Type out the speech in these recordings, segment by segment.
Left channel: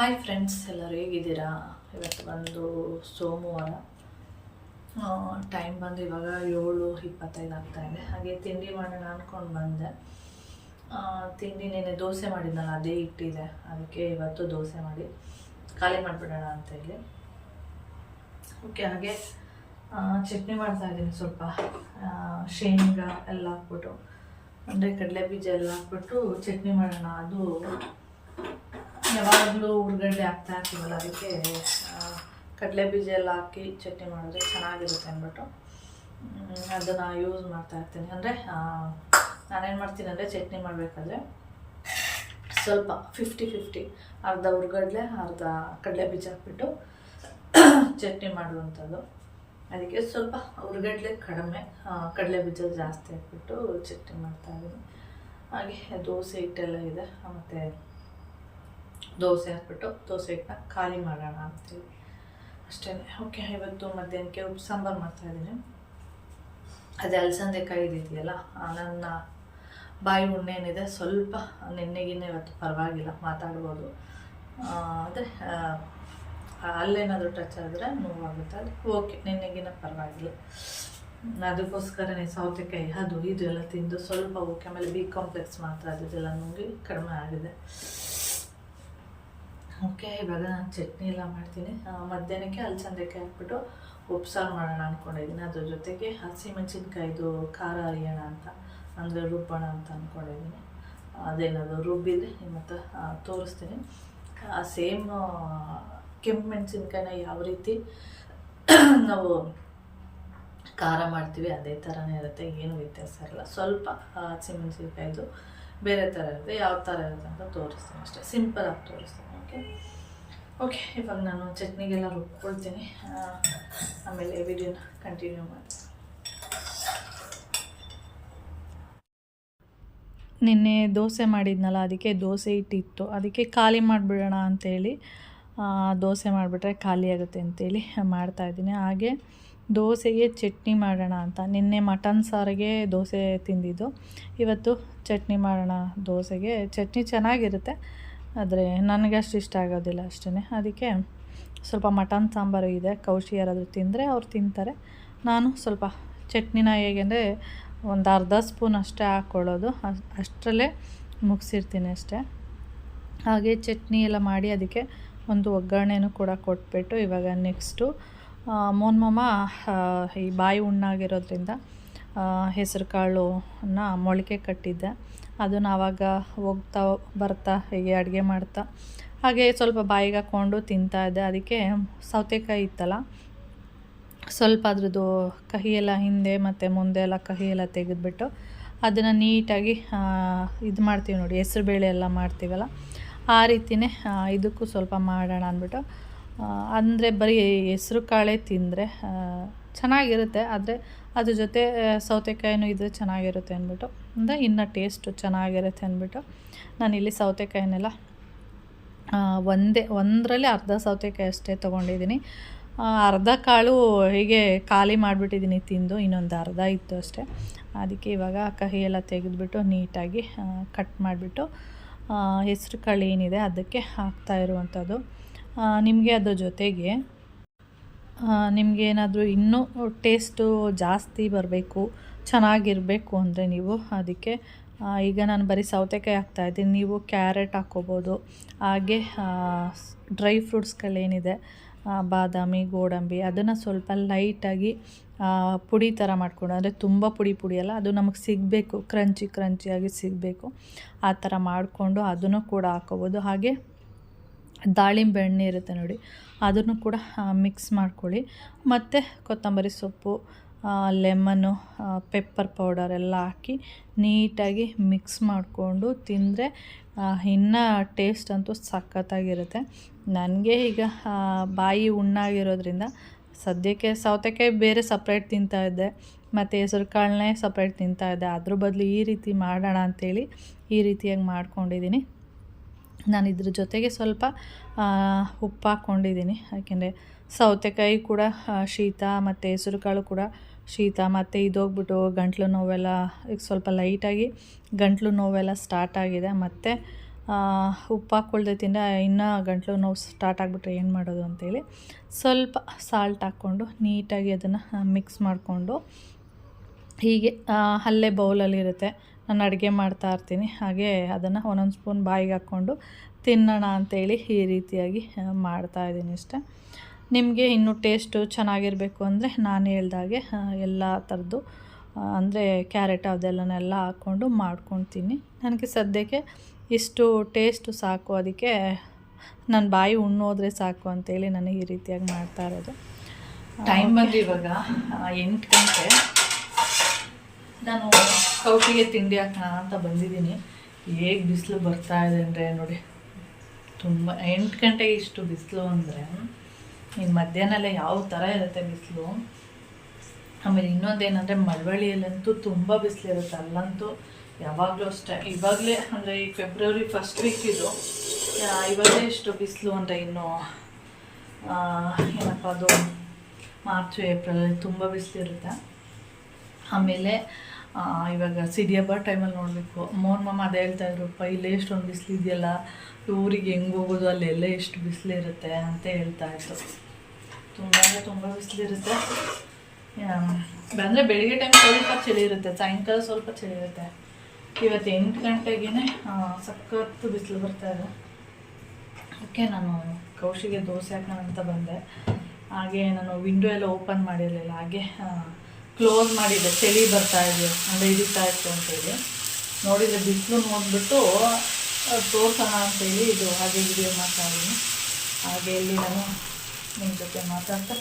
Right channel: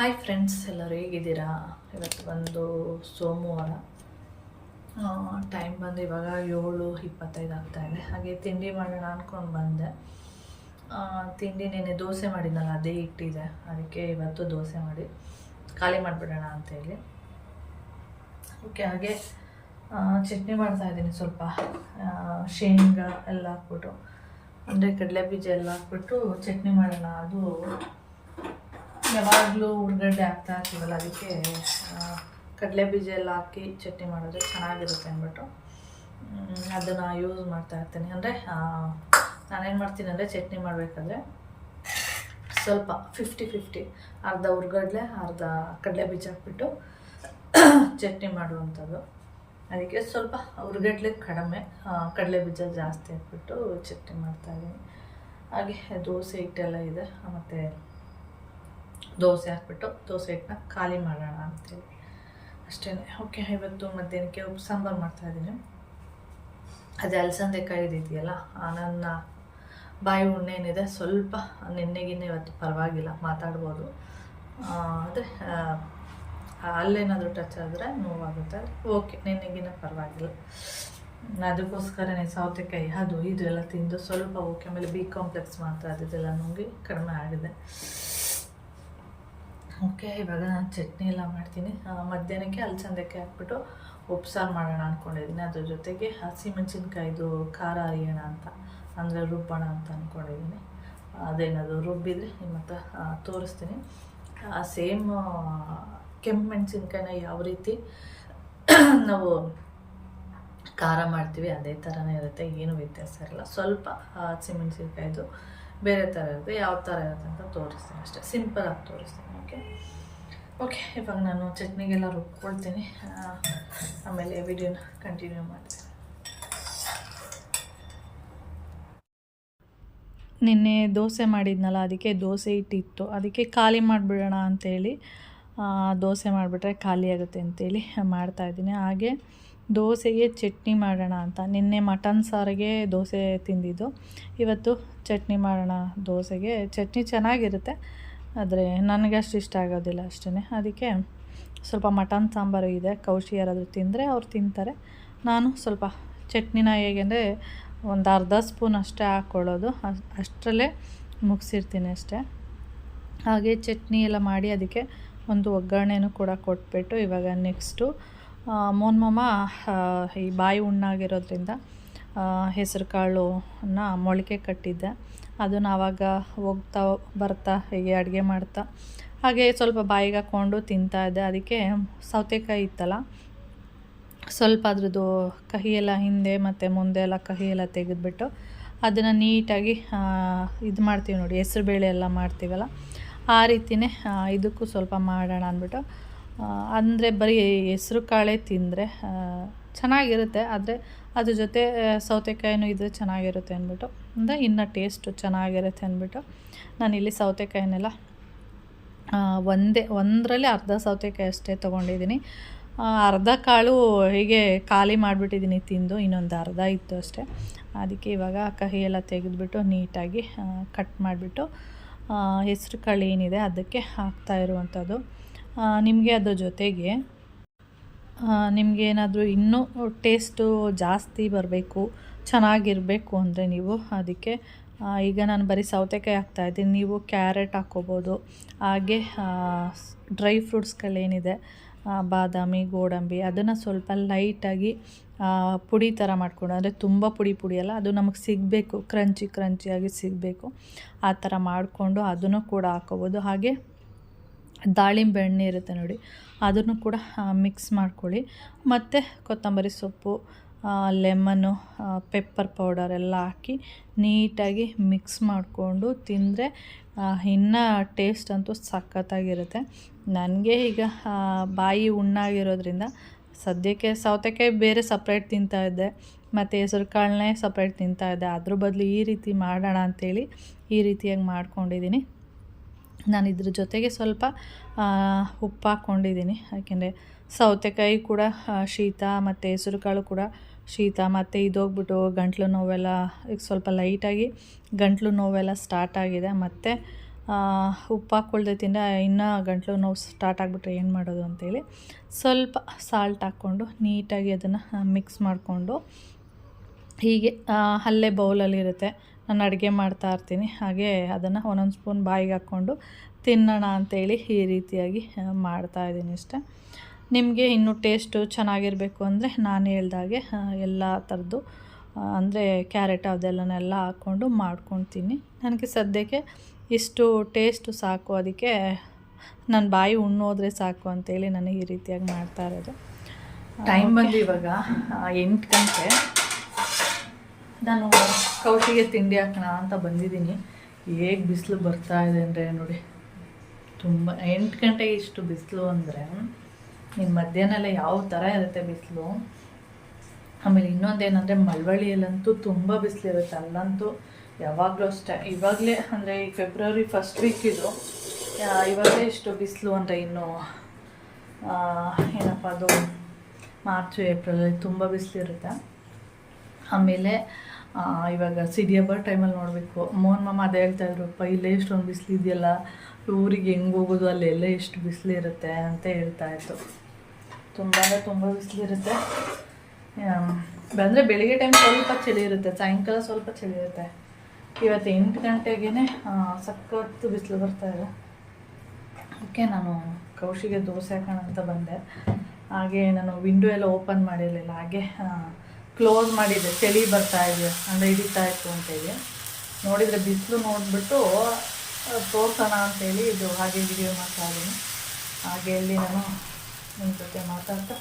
Hi friends, ಎಲ್ಲರೂ ಹೇಗಿದ್ದೀರಾ? ಇವತ್ತು ಬಂದು ಸೋಮವಾರ, ಟೈಮ್ ಬಂದು ಇವಾಗ 7:25 ಆಗ್ತಾಯಿದೆ. ಹಾಗೆ ತಿಂಡಿ ಮಾಡೋಣ ಅಂದ್ಕೊಂಡು ಬಂದೆ. ತಿಂಡಿ ನೆನೆ ದೋಸೆ ಮಾಡಿದ್ನಲ್ಲ, ಅದೇ ಇಟ್ಟಿದೆ. ಅದಕ್ಕೆ ಇವತ್ತು ದೋಸೆ ಮಾಡಿ ಖಾಲಿ ಮಾಡಿಬಿಡೋಣ ಅಂತೇಳಿ. ಓಕೆ, ಹಾಗೆ ಚಟ್ನಿ ಮಾಡ್ತಾಯಿದ್ದೀನಿ. ಸ್ವಲ್ಪ ಶೇಂಗಾ ಎಲ್ಲ ಹಾಕ್ಬಿಟ್ಟು, ಅಂದರೆ ಕಡಲೆ ಬೀಜ ಎಲ್ಲ ಹಾಕ್ಬಿಟ್ಟು ಚಟ್ನಿ ಮಾಡೋಣ. ಅದು ಯಾವಾಗಲೂ ಉಳ್ಳಾಗಡ್ಡೆ ಹಾಕ್ತಾ ಹಾಕ್ತೀವಲ್ಲ, ಅದಕ್ಕೆ ಕಡಲೆ ಬೀಜ ಎಲ್ಲ ಹಾಕಿ ಚಟ್ನಿ ಮಾಡಿದ್ರೆ ಚೆನ್ನಾಗಿರುತ್ತೆ ಅಂದ್ಬಿಟ್ಟು ಅದನ್ನು ಯೂಸ್ ಮಾಡ್ತಾಯಿರ್ತೀನಿ. ಅಂದರೆ ನಾನೇನು ಮಾಡ್ತೀನಿ ಅಂದರೆ, ಚಟ್ನಿ ಮಾಡಬೇಕಾದ್ರೆ ಸ್ವಲ್ಪ 50-50, ಅರ್ಧ ಉಳ್ಳಾಗಡ್ಡೆ ಅರ್ಧ ಕಡಲೆ ಬೀಜ ಹಾಕ್ಬಿಟ್ಟು ಚಟ್ನಿ ಮಾಡುವಂಥದ್ದು. ಅದಕ್ಕೆ ಸ್ವಲ್ಪ ಉಳ್ಳಾಗಡ್ಡೆ ಕಡಿಮೆ, ಕಡಲೆ ಬೀಜ ಜಾಸ್ತಿ ಹಾಕ್ಬಿಟ್ಟು ಚಟ್ನಿ ಮಾಡ್ತಾಯಿದ್ದೀನಿ. ಹಾಗೆ ದೋಸೆ ಹಿಟ್ಟೆಲ್ಲ ಇದೆ, ಮತ್ತು ದೋಸೆ ಹಾಕ್ಬಿಟ್ಟು ದೋಸೆ ಹಿಟ್ಟನ್ನ ಖಾಲಿ ಮಾಡೋಣ ಅಂತೇಳಿ ಅಷ್ಟೇ. ಓಕೆ, ಇವತ್ತು ಮಧ್ಯಾಹ್ನಕ್ಕೆ ಉಪ್ಪು ಸಾಂಬಾರು ಮಾಡ್ತಾಯಿದ್ದೀನಿ. ಅದೇ ಅಲಸಂದೆಕಾಯಿ ಇದೆಯಲ್ಲ, ನನ್ನ ಬಾಯಿ ಹುಣ್ಣೆ ಏನಿದೆ ಸ್ವಲ್ಪ ನೆನ್ನೆಗಿನ್ನ ಇವತ್ತು ಪರವಾಗಿಲ್ಲ, ಮಾತಾಡ್ಬೋದು. ಆದರೆ ಅಲ್ಲೇನಾದರೂ ಟಚ್ ಆದರೆ ನೋವಾಗುತ್ತೆ. ಓಕೆ, ನೆನ್ನೆಗಿನ್ನ ಪರವಾಗಿಲ್ಲ. ಅದಕ್ಕೋಸ್ಕರನೇ ಸೌತೆಕಾಯಿ ಅದು ಇದು ಎಲ್ಲ ತಿಂದು ಸ್ವಲ್ಪ ಓಕೆ. ಆಮೇಲೆ ಬಿ ಕಾಂಪ್ಲೆಕ್ಸ್ ಮಾತ್ರ ಅದೆಲ್ಲ ನುಂಗಿ ಕಡಿಮೆ ಆಗಿದೆ. ಓಕೆ, ಇವಾಗ ನಾನು ಚಟ್ನಿ ಎಲ್ಲ ಮಾಡ್ತೀನಿ. ಮಧ್ಯಾಹ್ನಕ್ಕೆ ಅಲಸಂದೆಕಾಯಿ ಹಾಕ್ಬಿಟ್ಟು ಉಪ್ಸಾರು ಮಾಡೋಣ ಅಂದ್ಕೊಂಡಿದ್ದೀನಿ. ಅದ್ರ ಜೊತೆಗೆ ಹಸಿಮೆಣಸಿನ್ಕಾಯಿದು ಖಾರ ಅರಿಯೋಣ ಅಂತ, ಅಂದರೆ ರುಬ್ಬೋಣ ಅಂತ ಅಂದ್ಕೊಂಡಿದ್ದೀನಿ. ಅದೇನದು ರುಬ್ಬಿದರೆ ನಿಮ್ಮ ಹತ್ರ ತೋರಿಸ್ತೀನಿ. ಸೇಮ್ ಕೆಂಪು ಮೆಣಸಿನ್ಕಾಯಿನ ಯಾವ ರೀತಿ ನಾವು ಖಾರ ಮಾಡ್ತೀವಿ ಅದೇ ಥರನೇ ಇರುತ್ತೆ, ಏನು ವ್ಯತ್ಯಾಸ ಇರಲ್ಲ. ಸ್ವಲ್ಪ ಹಸಿಮೆಣಸಿನ್ಕಾಯಿದು ಬೇರೆ ಥರ ಇರುತ್ತೆ, ಯಾವ ಥರ ಇರುತ್ತೆ ಅಂತ ತೋರಿಸ್ತೀನಿ ಅಷ್ಟೇ, ಸಿಂಪಲಾಗಿ ತೋರಿಸ್ತೀನಿ. ಓಕೆ, ಇವಾಗ ನಾನು ಚಟ್ನಿಗೆಲ್ಲ ರುಬ್ಕೊಳ್ತೀನಿ, ಆಮೇಲೆ ವಿಡಿಯೋನ ಕಂಟಿನ್ಯೂ ಮಾಡ್ತೀನಿ. ನಿನ್ನೆ ದೋಸೆ ಮಾಡಿದ್ನಲ್ಲ, ಅದಕ್ಕೆ ದೋಸೆ ಹಿಟ್ಟಿತ್ತು, ಅದಕ್ಕೆ ಖಾಲಿ ಮಾಡಿಬಿಡೋಣ ಅಂಥೇಳಿ ದೋಸೆ ಮಾಡಿಬಿಟ್ರೆ ಖಾಲಿ ಆಗುತ್ತೆ ಅಂತೇಳಿ ಮಾಡ್ತಾಯಿದ್ದೀನಿ. ಹಾಗೆ ದೋಸೆಗೆ ಚಟ್ನಿ ಮಾಡೋಣ ಅಂತ, ನಿನ್ನೆ ಮಟನ್ ಸಾರಿಗೆ ದೋಸೆ ತಿಂದಿದ್ದು, ಇವತ್ತು ಚಟ್ನಿ ಮಾಡೋಣ. ದೋಸೆಗೆ ಚಟ್ನಿ ಚೆನ್ನಾಗಿರುತ್ತೆ, ಆದರೆ ನನಗೆ ಅಷ್ಟು ಇಷ್ಟ ಆಗೋದಿಲ್ಲ ಅಷ್ಟೇ. ಅದಕ್ಕೆ ಸ್ವಲ್ಪ ಮಟನ್ ಸಾಂಬಾರು ಇದೆ, ಕೌಶಿ ಯಾರಾದರೂ ತಿಂದರೆ ಅವ್ರು ತಿಂತಾರೆ. ನಾನು ಸ್ವಲ್ಪ ಚಟ್ನಿನ ಹೇಗೆಂದರೆ ಒಂದು ಅರ್ಧ ಸ್ಪೂನ್ ಅಷ್ಟೇ ಹಾಕ್ಕೊಳ್ಳೋದು, ಅಷ್ಟರಲ್ಲೇ ಮುಗಿಸಿರ್ತೀನಿ ಅಷ್ಟೇ. ಹಾಗೆ ಚಟ್ನಿ ಎಲ್ಲ ಮಾಡಿ ಅದಕ್ಕೆ ಒಂದು ಒಗ್ಗರಣೆನೂ ಕೂಡ ಕೊಟ್ಬಿಟ್ಟು, ಇವಾಗ ನೆಕ್ಸ್ಟು ಮೋನ್ಮಮ್ಮ ಈ ಬಾಯಿ ಹುಣ್ಣಾಗಿರೋದ್ರಿಂದ ಹೆಸರು ಕಾಳನ್ನ ಮೊಳಕೆ ಕಟ್ಟಿದ್ದೆ. ಅದನ್ನು ಆವಾಗ ಹೋಗ್ತಾ ಬರ್ತಾ ಹೀಗೆ ಅಡುಗೆ ಮಾಡ್ತಾ ಹಾಗೆ ಸ್ವಲ್ಪ ಬಾಯಿಗೆ ಹಾಕ್ಕೊಂಡು ತಿಂತಾಯಿದ್ದೆ. ಅದಕ್ಕೆ ಸೌತೆಕಾಯಿ ಇತ್ತಲ್ಲ, ಸ್ವಲ್ಪ ಅದ್ರದ್ದು ಕಹಿ ಎಲ್ಲ ಹಿಂದೆ ಮತ್ತು ಮುಂದೆ ಎಲ್ಲ ಕಹಿ ಎಲ್ಲ ತೆಗೆದುಬಿಟ್ಟು ಅದನ್ನು ನೀಟಾಗಿ ಇದು ಮಾಡ್ತೀವಿ ನೋಡಿ, ಹೆಸ್ರುಬೇಳೆ ಎಲ್ಲ ಮಾಡ್ತೀವಲ್ಲ ಆ ರೀತಿಯೇ ಇದಕ್ಕೂ ಸ್ವಲ್ಪ ಮಾಡೋಣ ಅಂದ್ಬಿಟ್ಟು. ಅಂದರೆ ಬರೀ ಹೆಸ್ರು ಕಾಳೇ ತಿಂದರೆ ಚೆನ್ನಾಗಿರುತ್ತೆ, ಆದರೆ ಅದ್ರ ಜೊತೆ ಸೌತೆಕಾಯಿನೂ ಇದ್ದರೆ ಚೆನ್ನಾಗಿರುತ್ತೆ ಅಂದ್ಬಿಟ್ಟು, ಅಂದರೆ ಇನ್ನೂ ಟೇಸ್ಟು ಚೆನ್ನಾಗಿರುತ್ತೆ ಅಂದ್ಬಿಟ್ಟು ನಾನಿಲ್ಲಿ ಸೌತೆಕಾಯಿನೆಲ್ಲ ಒಂದರಲ್ಲಿ ಅರ್ಧ ಸೌತೆಕಾಯಿ ಅಷ್ಟೇ ತೊಗೊಂಡಿದ್ದೀನಿ. ಅರ್ಧ ಕಾಳು ಹೀಗೆ ಖಾಲಿ ಮಾಡಿಬಿಟ್ಟಿದ್ದೀನಿ ತಿಂದು, ಇನ್ನೊಂದು ಅರ್ಧ ಇತ್ತು ಅಷ್ಟೇ. ಅದಕ್ಕೆ ಇವಾಗ ಕಹಿ ಎಲ್ಲ ತೆಗೆದುಬಿಟ್ಟು ನೀಟಾಗಿ ಕಟ್ ಮಾಡಿಬಿಟ್ಟು ಹೆಸ್ರು ಕಾಳು ಏನಿದೆ ಅದಕ್ಕೆ ಹಾಕ್ತಾ ಇರುವಂಥದ್ದು. ನಿಮಗೆ ಅದ್ರ ಜೊತೆಗೆ ನಿಮಗೇನಾದರೂ ಇನ್ನೂ ಟೇಸ್ಟು ಜಾಸ್ತಿ ಬರಬೇಕು, ಚೆನ್ನಾಗಿರಬೇಕು ಅಂದರೆ ನೀವು ಅದಕ್ಕೆ ಈಗ ನಾನು ಬರೀ ಸೌತೆಕಾಯಿ ಹಾಕ್ತಾಯಿದ್ದೀನಿ, ನೀವು ಕ್ಯಾರೆಟ್ ಹಾಕ್ಕೋಬೋದು. ಹಾಗೆ ಡ್ರೈ ಫ್ರೂಟ್ಸ್ಗಳೇನಿದೆ, ಬಾದಾಮಿ, ಗೋಡಂಬಿ, ಅದನ್ನು ಸ್ವಲ್ಪ ಲೈಟಾಗಿ ಪುಡಿ ಥರ ಮಾಡಿಕೊಂಡು, ಅಂದರೆ ತುಂಬ ಪುಡಿ ಅಲ್ಲ, ಅದು ನಮಗೆ ಸಿಗಬೇಕು, ಕ್ರಂಚಿಯಾಗಿ ಸಿಗಬೇಕು, ಆ ಥರ ಮಾಡಿಕೊಂಡು ಅದನ್ನು ಕೂಡ ಹಾಕ್ಕೋಬೋದು. ಹಾಗೆ ದಾಳಿಂಬೆ ಹಣ್ಣು ಇರುತ್ತೆ ನೋಡಿ, ಅದನ್ನು ಕೂಡ ಮಿಕ್ಸ್ ಮಾಡ್ಕೊಳ್ಳಿ. ಮತ್ತು ಕೊತ್ತಂಬರಿ ಸೊಪ್ಪು, ಲೆಮನ್ನು, ಪೆಪ್ಪರ್ ಪೌಡರ್ ಎಲ್ಲ ಹಾಕಿ ನೀಟಾಗಿ ಮಿಕ್ಸ್ ಮಾಡಿಕೊಂಡು ತಿಂದರೆ ಇನ್ನೂ ಟೇಸ್ಟ್ ಅಂತೂ ಸಖತ್ತಾಗಿರುತ್ತೆ. ನನಗೆ ಈಗ ಬಾಯಿ ಹುಣ್ಣಾಗಿರೋದ್ರಿಂದ ಸದ್ಯಕ್ಕೆ ಸೌತೆಕಾಯಿ ಬೇರೆ ಸಪ್ರೇಟ್ ತಿಂತಾಯಿದ್ದೆ, ಮತ್ತು ಹೆಸರು ಕಾಳನ್ನೇ ಸಪ್ರೇಟ್ ತಿಂತಾಯಿದ್ದೆ. ಅದ್ರ ಬದಲು ಈ ರೀತಿ ಮಾಡೋಣ ಅಂಥೇಳಿ ಈ ರೀತಿಯಾಗಿ ಮಾಡ್ಕೊಂಡಿದ್ದೀನಿ. ನಾನು ಇದ್ರ ಜೊತೆಗೆ ಸ್ವಲ್ಪ ಉಪ್ಪು ಹಾಕ್ಕೊಂಡಿದ್ದೀನಿ, ಯಾಕೆಂದರೆ ಸೌತೆಕಾಯಿ ಕೂಡ ಶೀತ ಮತ್ತು ಹೆಸರು ಕಾಳು ಕೂಡ ಶೀತ, ಮತ್ತು ಇದೋಗ್ಬಿಟ್ಟು ಗಂಟ್ಲು ನೋವೆಲ್ಲ ಈಗ ಸ್ವಲ್ಪ ಲೈಟಾಗಿ ಗಂಟ್ಲು ನೋವೆಲ್ಲ ಸ್ಟಾರ್ಟ್ ಆಗಿದೆ. ಮತ್ತು ಉಪ್ಪು ಹಾಕ್ಕೊಳ್ದೆ ತಿಂದರೆ ಇನ್ನೂ ಗಂಟಲು ನೋವು ಸ್ಟಾರ್ಟ್ ಆಗಿಬಿಟ್ರೆ ಏನು ಮಾಡೋದು ಅಂತೇಳಿ ಸ್ವಲ್ಪ ಸಾಲ್ಟ್ ಹಾಕ್ಕೊಂಡು ನೀಟಾಗಿ ಅದನ್ನು ಮಿಕ್ಸ್ ಮಾಡಿಕೊಂಡು ಹೀಗೆ ಅಲ್ಲೇ ಬೌಲಲ್ಲಿರುತ್ತೆ, ನಾನು ಅಡುಗೆ ಮಾಡ್ತಾಯಿರ್ತೀನಿ, ಹಾಗೆ ಅದನ್ನು ಒಂದೊಂದು ಸ್ಪೂನ್ ಬಾಯಿಗೆ ಹಾಕ್ಕೊಂಡು ತಿನ್ನೋಣ ಅಂಥೇಳಿ ಈ ರೀತಿಯಾಗಿ ಮಾಡ್ತಾಯಿದ್ದೀನಿ ಅಷ್ಟೆ. ನಿಮಗೆ ಇನ್ನೂ ಟೇಸ್ಟು ಚೆನ್ನಾಗಿರಬೇಕು ಅಂದರೆ ನಾನು ಹೇಳ್ದಾಗೆ ಎಲ್ಲ ಥರದ್ದು ಅಂದರೆ ಕ್ಯಾರೆಟ್ ಅದೆಲ್ಲನೆಲ್ಲ ಹಾಕ್ಕೊಂಡು ಮಾಡ್ಕೊತೀನಿ. ನನಗೆ ಸದ್ಯಕ್ಕೆ ಇಷ್ಟು ಟೇಸ್ಟು ಸಾಕು, ಅದಕ್ಕೆ ನನ್ನ ಬಾಯಿ ಉಣ್ಣೋದ್ರೆ ಸಾಕು ಅಂತೇಳಿ ನಾನು ಈ ರೀತಿಯಾಗಿ ಮಾಡ್ತಾ ಇರೋದು. ಟೈಮ್ ಬಂದು ಇವಾಗ 8 ಗಂಟೆ. ನಾನು ಕೌಶಿಗೆ ತಿಂಡಿ ಹಾಕೋಣ ಅಂತ ಬಂದಿದ್ದೀನಿ. ಹೇಗೆ ಬಿಸಿಲು ಬರ್ತಾ ಇದೆ ಅಂದರೆ ನೋಡಿ, ತುಂಬ 8 ಗಂಟೆಗೆ ಇಷ್ಟು ಬಿಸಿಲು ಅಂದರೆ ಇನ್ನು ಮಧ್ಯಾಹ್ನ ಯಾವ ಥರ ಇರುತ್ತೆ ಬಿಸಿಲು. ಆಮೇಲೆ ಇನ್ನೊಂದೇನೆಂದರೆ ಮಳವಳ್ಳಿಯಲ್ಲಂತೂ ತುಂಬ ಬಿಸಿಲಿರುತ್ತೆ, ಅಲ್ಲಂತೂ ಯಾವಾಗಲೂ ಅಷ್ಟೇ. ಇವಾಗಲೇ ಅಂದರೆ ಈ ಫೆಬ್ರವರಿ ಫಸ್ಟ್ ವೀಕ್ ಇದು, ಇವಾಗಲೇ ಇಷ್ಟು ಬಿಸಿಲು ಅಂದರೆ ಇನ್ನು ಏನಪ್ಪ ಅದು ಮಾರ್ಚ್ ಏಪ್ರಿಲಲ್ಲಿ ತುಂಬ ಬಿಸಿಲಿರುತ್ತೆ. ಆಮೇಲೆ ಇವಾಗ ಸಿಡಿ ಹಬ್ಬ ಟೈಮಲ್ಲಿ ನೋಡಬೇಕು, ಮೋಹನ್ ಮಾಮ ಅದೇ ಹೇಳ್ತಾಯಿದ್ರು, ಇಲ್ಲೇ ಇಷ್ಟೊಂದು ಬಿಸಿಲು ಇದೆಯಲ್ಲ, ಊರಿಗೆ ಹೆಂಗೆ ಹೋಗೋದು, ಅಲ್ಲೆಲ್ಲ ಎಷ್ಟು ಬಿಸಿಲಿರುತ್ತೆ ಅಂತ ಹೇಳ್ತಾಯಿತ್ತು. ತುಂಬ ಬಿಸಿಲಿರುತ್ತೆ. ಅಂದರೆ ಬೆಳಿಗ್ಗೆ ಟೈಮ್ ಸ್ವಲ್ಪ ಚಳಿ ಇರುತ್ತೆ, ಸಾಯಂಕಾಲ ಸ್ವಲ್ಪ ಚಳಿ ಇರುತ್ತೆ. ಇವತ್ತು 8 ಗಂಟೆಗೇ ಸಖತ್ತು ಬಿಸಿಲು ಬರ್ತಾಯಿದೆ. ಓಕೆ, ನಾನು ಕೌಶಿಗೆ ದೋಸೆ ಹಾಕೋಣ ಅಂತ ಬಂದೆ. ಹಾಗೆ ನಾನು ವಿಂಡೋ ಎಲ್ಲ ಓಪನ್ ಮಾಡಿರಲಿಲ್ಲ, ಹಾಗೆ ಕ್ಲೋಸ್ ಮಾಡಿದ್ದೆ. ಚಳಿ ಬರ್ತಾಯಿದೆ ಅಂದರೆ ಹಿಡಿತಾ ಇತ್ತು ಅಂತೇಳಿ ನೋಡಿದರೆ ಬಿಸಿಲು ನೋಡಿಬಿಟ್ಟು ತೋರ್ಸೋಣ ಅಂತೇಳಿ ಇದು ಹಾಗೆ ವಿಡಿಯೋ ಮಾಡ್ತಾಯಿದ್ದೀನಿ. ಹಾಗೆ ಇಲ್ಲಿ ನಾನು ನಿಮ್ಮ ಜೊತೆ ಮಾತಾಡ್ತಾ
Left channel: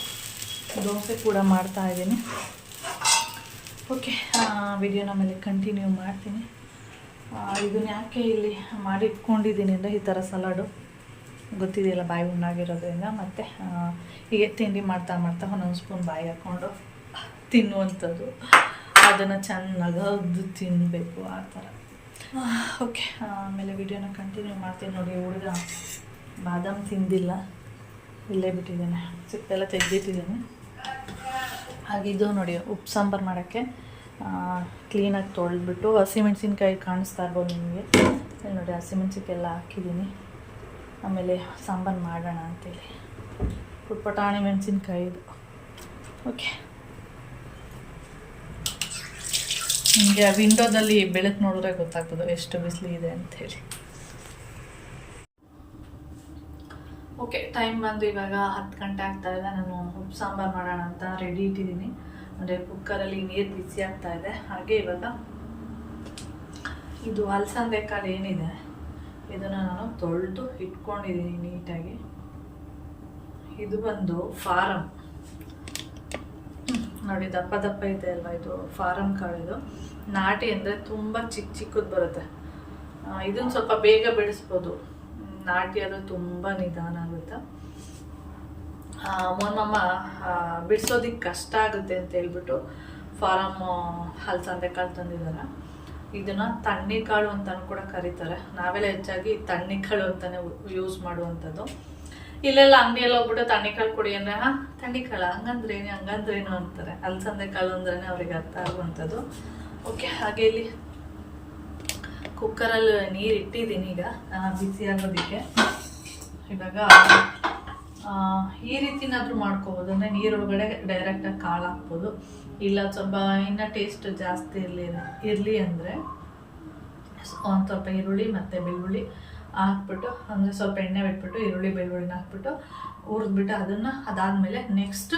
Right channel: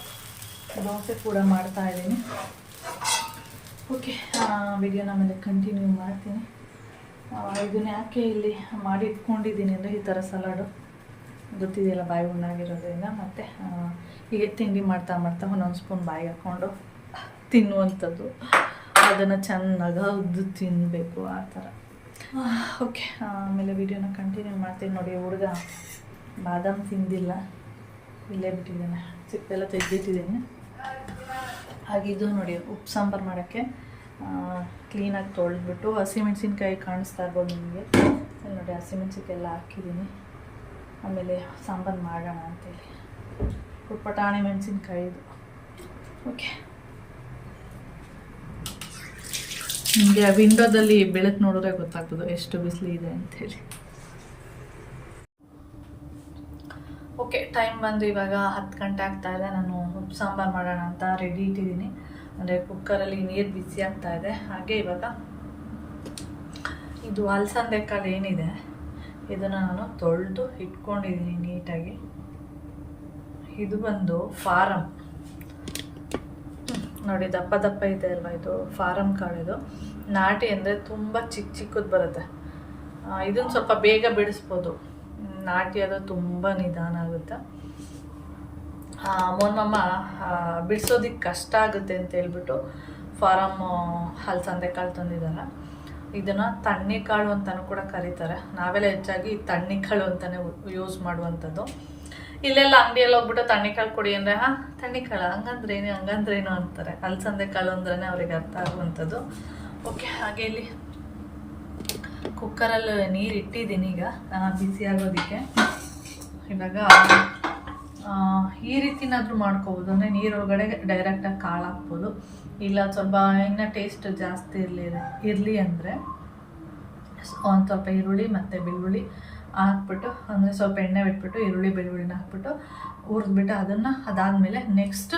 ದೋಸೆ ಕೂಡ ಮಾಡ್ತಾಯಿದ್ದೀನಿ. ಓಕೆ, ವಿಡಿಯೋನ ಮೇಲೆ ಕಂಟಿನ್ಯೂ ಮಾಡ್ತೀನಿ. ಇದನ್ನ ಯಾಕೆ ಇಲ್ಲಿ ಮಾಡಿ ಇಟ್ಕೊಂಡಿದ್ದೀನಿ ಅಂದರೆ ಈ ಥರ ಸಲಾಡು ಗೊತ್ತಿದೆಯಲ್ಲ, ಬಾಯಿ ಉಣ್ಣಾಗಿರೋದ್ರಿಂದ. ಮತ್ತು ಹೀಗೆ ತಿಂಡಿ ಮಾಡ್ತಾ ಒಂದೊಂದು ಸ್ಪೂನ್ ಬಾಯಿ ಹಾಕ್ಕೊಂಡು ತಿನ್ನುವಂಥದ್ದು, ಅದನ್ನು ಚೆನ್ನಾಗಿ ಹೌದು ತಿನ್ನಬೇಕು ಆ ಥರ. ಓಕೆ, ಆಮೇಲೆ ವಿಡಿಯೋನ ಕಂಟಿನ್ಯೂ ಮಾಡ್ತೀನಿ. ನೋಡಿ, ಹುಡುಗ ಬಾದಾಮ್ ತಿಂದಿಲ್ಲ, ಇಲ್ಲೇ ಬಿಟ್ಟಿದ್ದಾನೆ, ಸಿಪ್ಪೆಲ್ಲ ತೆಗೆದಿಟ್ಟಿದ್ದೀನಿ. ಹಾಗೆ ಇದು ನೋಡಿ, ಉಪ್ಪು ಸಾಂಬಾರು ಮಾಡೋಕ್ಕೆ ಕ್ಲೀನಾಗಿ ತೊಳೆದ್ಬಿಟ್ಟು ಹಸಿಮೆಣ್ಸಿನ್ಕಾಯಿ ಕಾಣಿಸ್ತಾ ಇರ್ಬೋದು ನಿಮಗೆ. ನೋಡಿ, ಹಸಿಮೆಣ್ಸಿನ್ಕಾಯಿ ಎಲ್ಲ ಹಾಕಿದ್ದೀನಿ. ಆಮೇಲೆ ಸಾಂಬಾರು ಮಾಡೋಣ ಅಂತೇಳಿ ಪುಟಾಣಿ ಮೆಣಸಿನ್ಕಾಯಿ ಇದು. ಓಕೆ, ನಿಮಗೆ ವಿಂಡೋದಲ್ಲಿ ಬೆಳಕು ನೋಡಿದ್ರೆ ಗೊತ್ತಾಗ್ತದೆ ಎಷ್ಟು ಬಿಸಿಲಿದೆ ಅಂಥೇಳಿ. ಓಕೆ, ಟೈಮ್ ಬಂದು ಇವಾಗ 10 ಗಂಟೆ ಆಗ್ತಾಯಿದೆ. ನಾನು ಉಪ್ಪು ಸಾಂಬಾರು ಮಾಡೋಣ ಅಂತ ರೆಡಿ ಇಟ್ಟಿದ್ದೀನಿ. ಅಂದರೆ ಕುಕ್ಕರಲ್ಲಿ ನೀರು ಬಿಸಿ ಆಗ್ತಾಯಿದೆ. ಹಾಗೆ ಇವಾಗ ಇದು ಅಲಸಂದೆ ಕಾಳು ಏನಿದೆ ಇದನ್ನು ನಾನು ತೊಳೆದು ಇಟ್ಕೊಂಡಿದ್ದೀನಿ ನೀಟಾಗಿ. ಇದು ಬಂದು ಫಾರಮ್ ನೋಡಿ, ದಪ್ಪ ಇದೆ ಅಲ್ವಾ, ಇದು ಫಾರಮ್ ಕಾಳು. ಇದು ನಾಟಿ ಅಂದರೆ ತುಂಬ ಚಿಕ್ಕದು ಬರುತ್ತೆ. ಇದನ್ನು ಸ್ವಲ್ಪ ಬೇಗ ಬಿಡಿಸ್ಬೋದು, ನಾಟಿ ಅದು ತುಂಬ ನಿಧಾನ ಆಗುತ್ತೆ. ಮೋಹನ್ಮಮ್ಮ ಬಿಡಿಸೋದಕ್ಕೆ ಕಷ್ಟ ಆಗುತ್ತೆ ಅಂತ ಹೇಳ್ಬಿಟ್ಟು ಫಾರಮ್ ಹಲಸಂದೆ ಕಾಳು ತಂದಿದ್ದಾರೆ. ಇದನ್ನು ತಣ್ಣಿಕಾಳು ಅಂತಲೂ ಕೂಡ ಕರೀತಾರೆ. ನಾವೆಲ್ಲ ಹೆಚ್ಚಾಗಿ ತಣ್ಣಿಕಾಳು ಅಂತಲೇ ಯೂಸ್ ಮಾಡುವಂಥದ್ದು. ಇಲ್ಲೆಲ್ಲ ಅಂಗಡಿಯಲ್ಲಿ ಹೋಗ್ಬಿಟ್ಟು ತಣ್ಣಿಕಾಳು ಕೊಡಿ ಅಂದರೆ ತಣ್ಣಿಕಾಳು ಹಂಗಂದ್ರೇನು ಅಂತಾರೆ. ಹಲಸಂದೆ ಕಾಳು ಅಂದ್ರೇ ಅವ್ರಿಗೆ ಅರ್ಥ ಆಗುವಂಥದ್ದು. ಓಕೆ, ಹಾಗೆ ಇಲ್ಲಿ ಕುಕ್ಕರಲ್ಲಿ ನೀರು ಇಟ್ಟಿದ್ದೀನಿ ಈಗ ಬಿಸಿ ಆಗೋದಕ್ಕೆ. ಇವಾಗ ಈ ರೀತಿನಾದರೂ ಮಾಡ್ಕೋಬೋದು, ಅಂದರೆ ನೀರೊಳಗಡೆ ಡೈರೆಕ್ಟಾಗಿ ಕಾಳು ಹಾಕ್ಬೋದು. ಇಲ್ಲ ಸ್ವಲ್ಪ ಇನ್ನೂ ಟೇಸ್ಟ್ ಜಾಸ್ತಿ ಇರಲಿ ಅಂದರೆ ಒಂದು ಸ್ವಲ್ಪ ಈರುಳ್ಳಿ ಮತ್ತು ಬೆಳ್ಳುಳ್ಳಿ ಹಾಕ್ಬಿಟ್ಟು, ಅಂದರೆ ಸ್ವಲ್ಪ ಎಣ್ಣೆ ಬಿಟ್ಬಿಟ್ಟು ಈರುಳ್ಳಿ ಬೆಳ್ಳುಳ್ಳಿನ ಹಾಕ್ಬಿಟ್ಟು ಹುರಿದ್ಬಿಟ್ಟು ಅದಾದಮೇಲೆ ನೆಕ್ಸ್ಟ್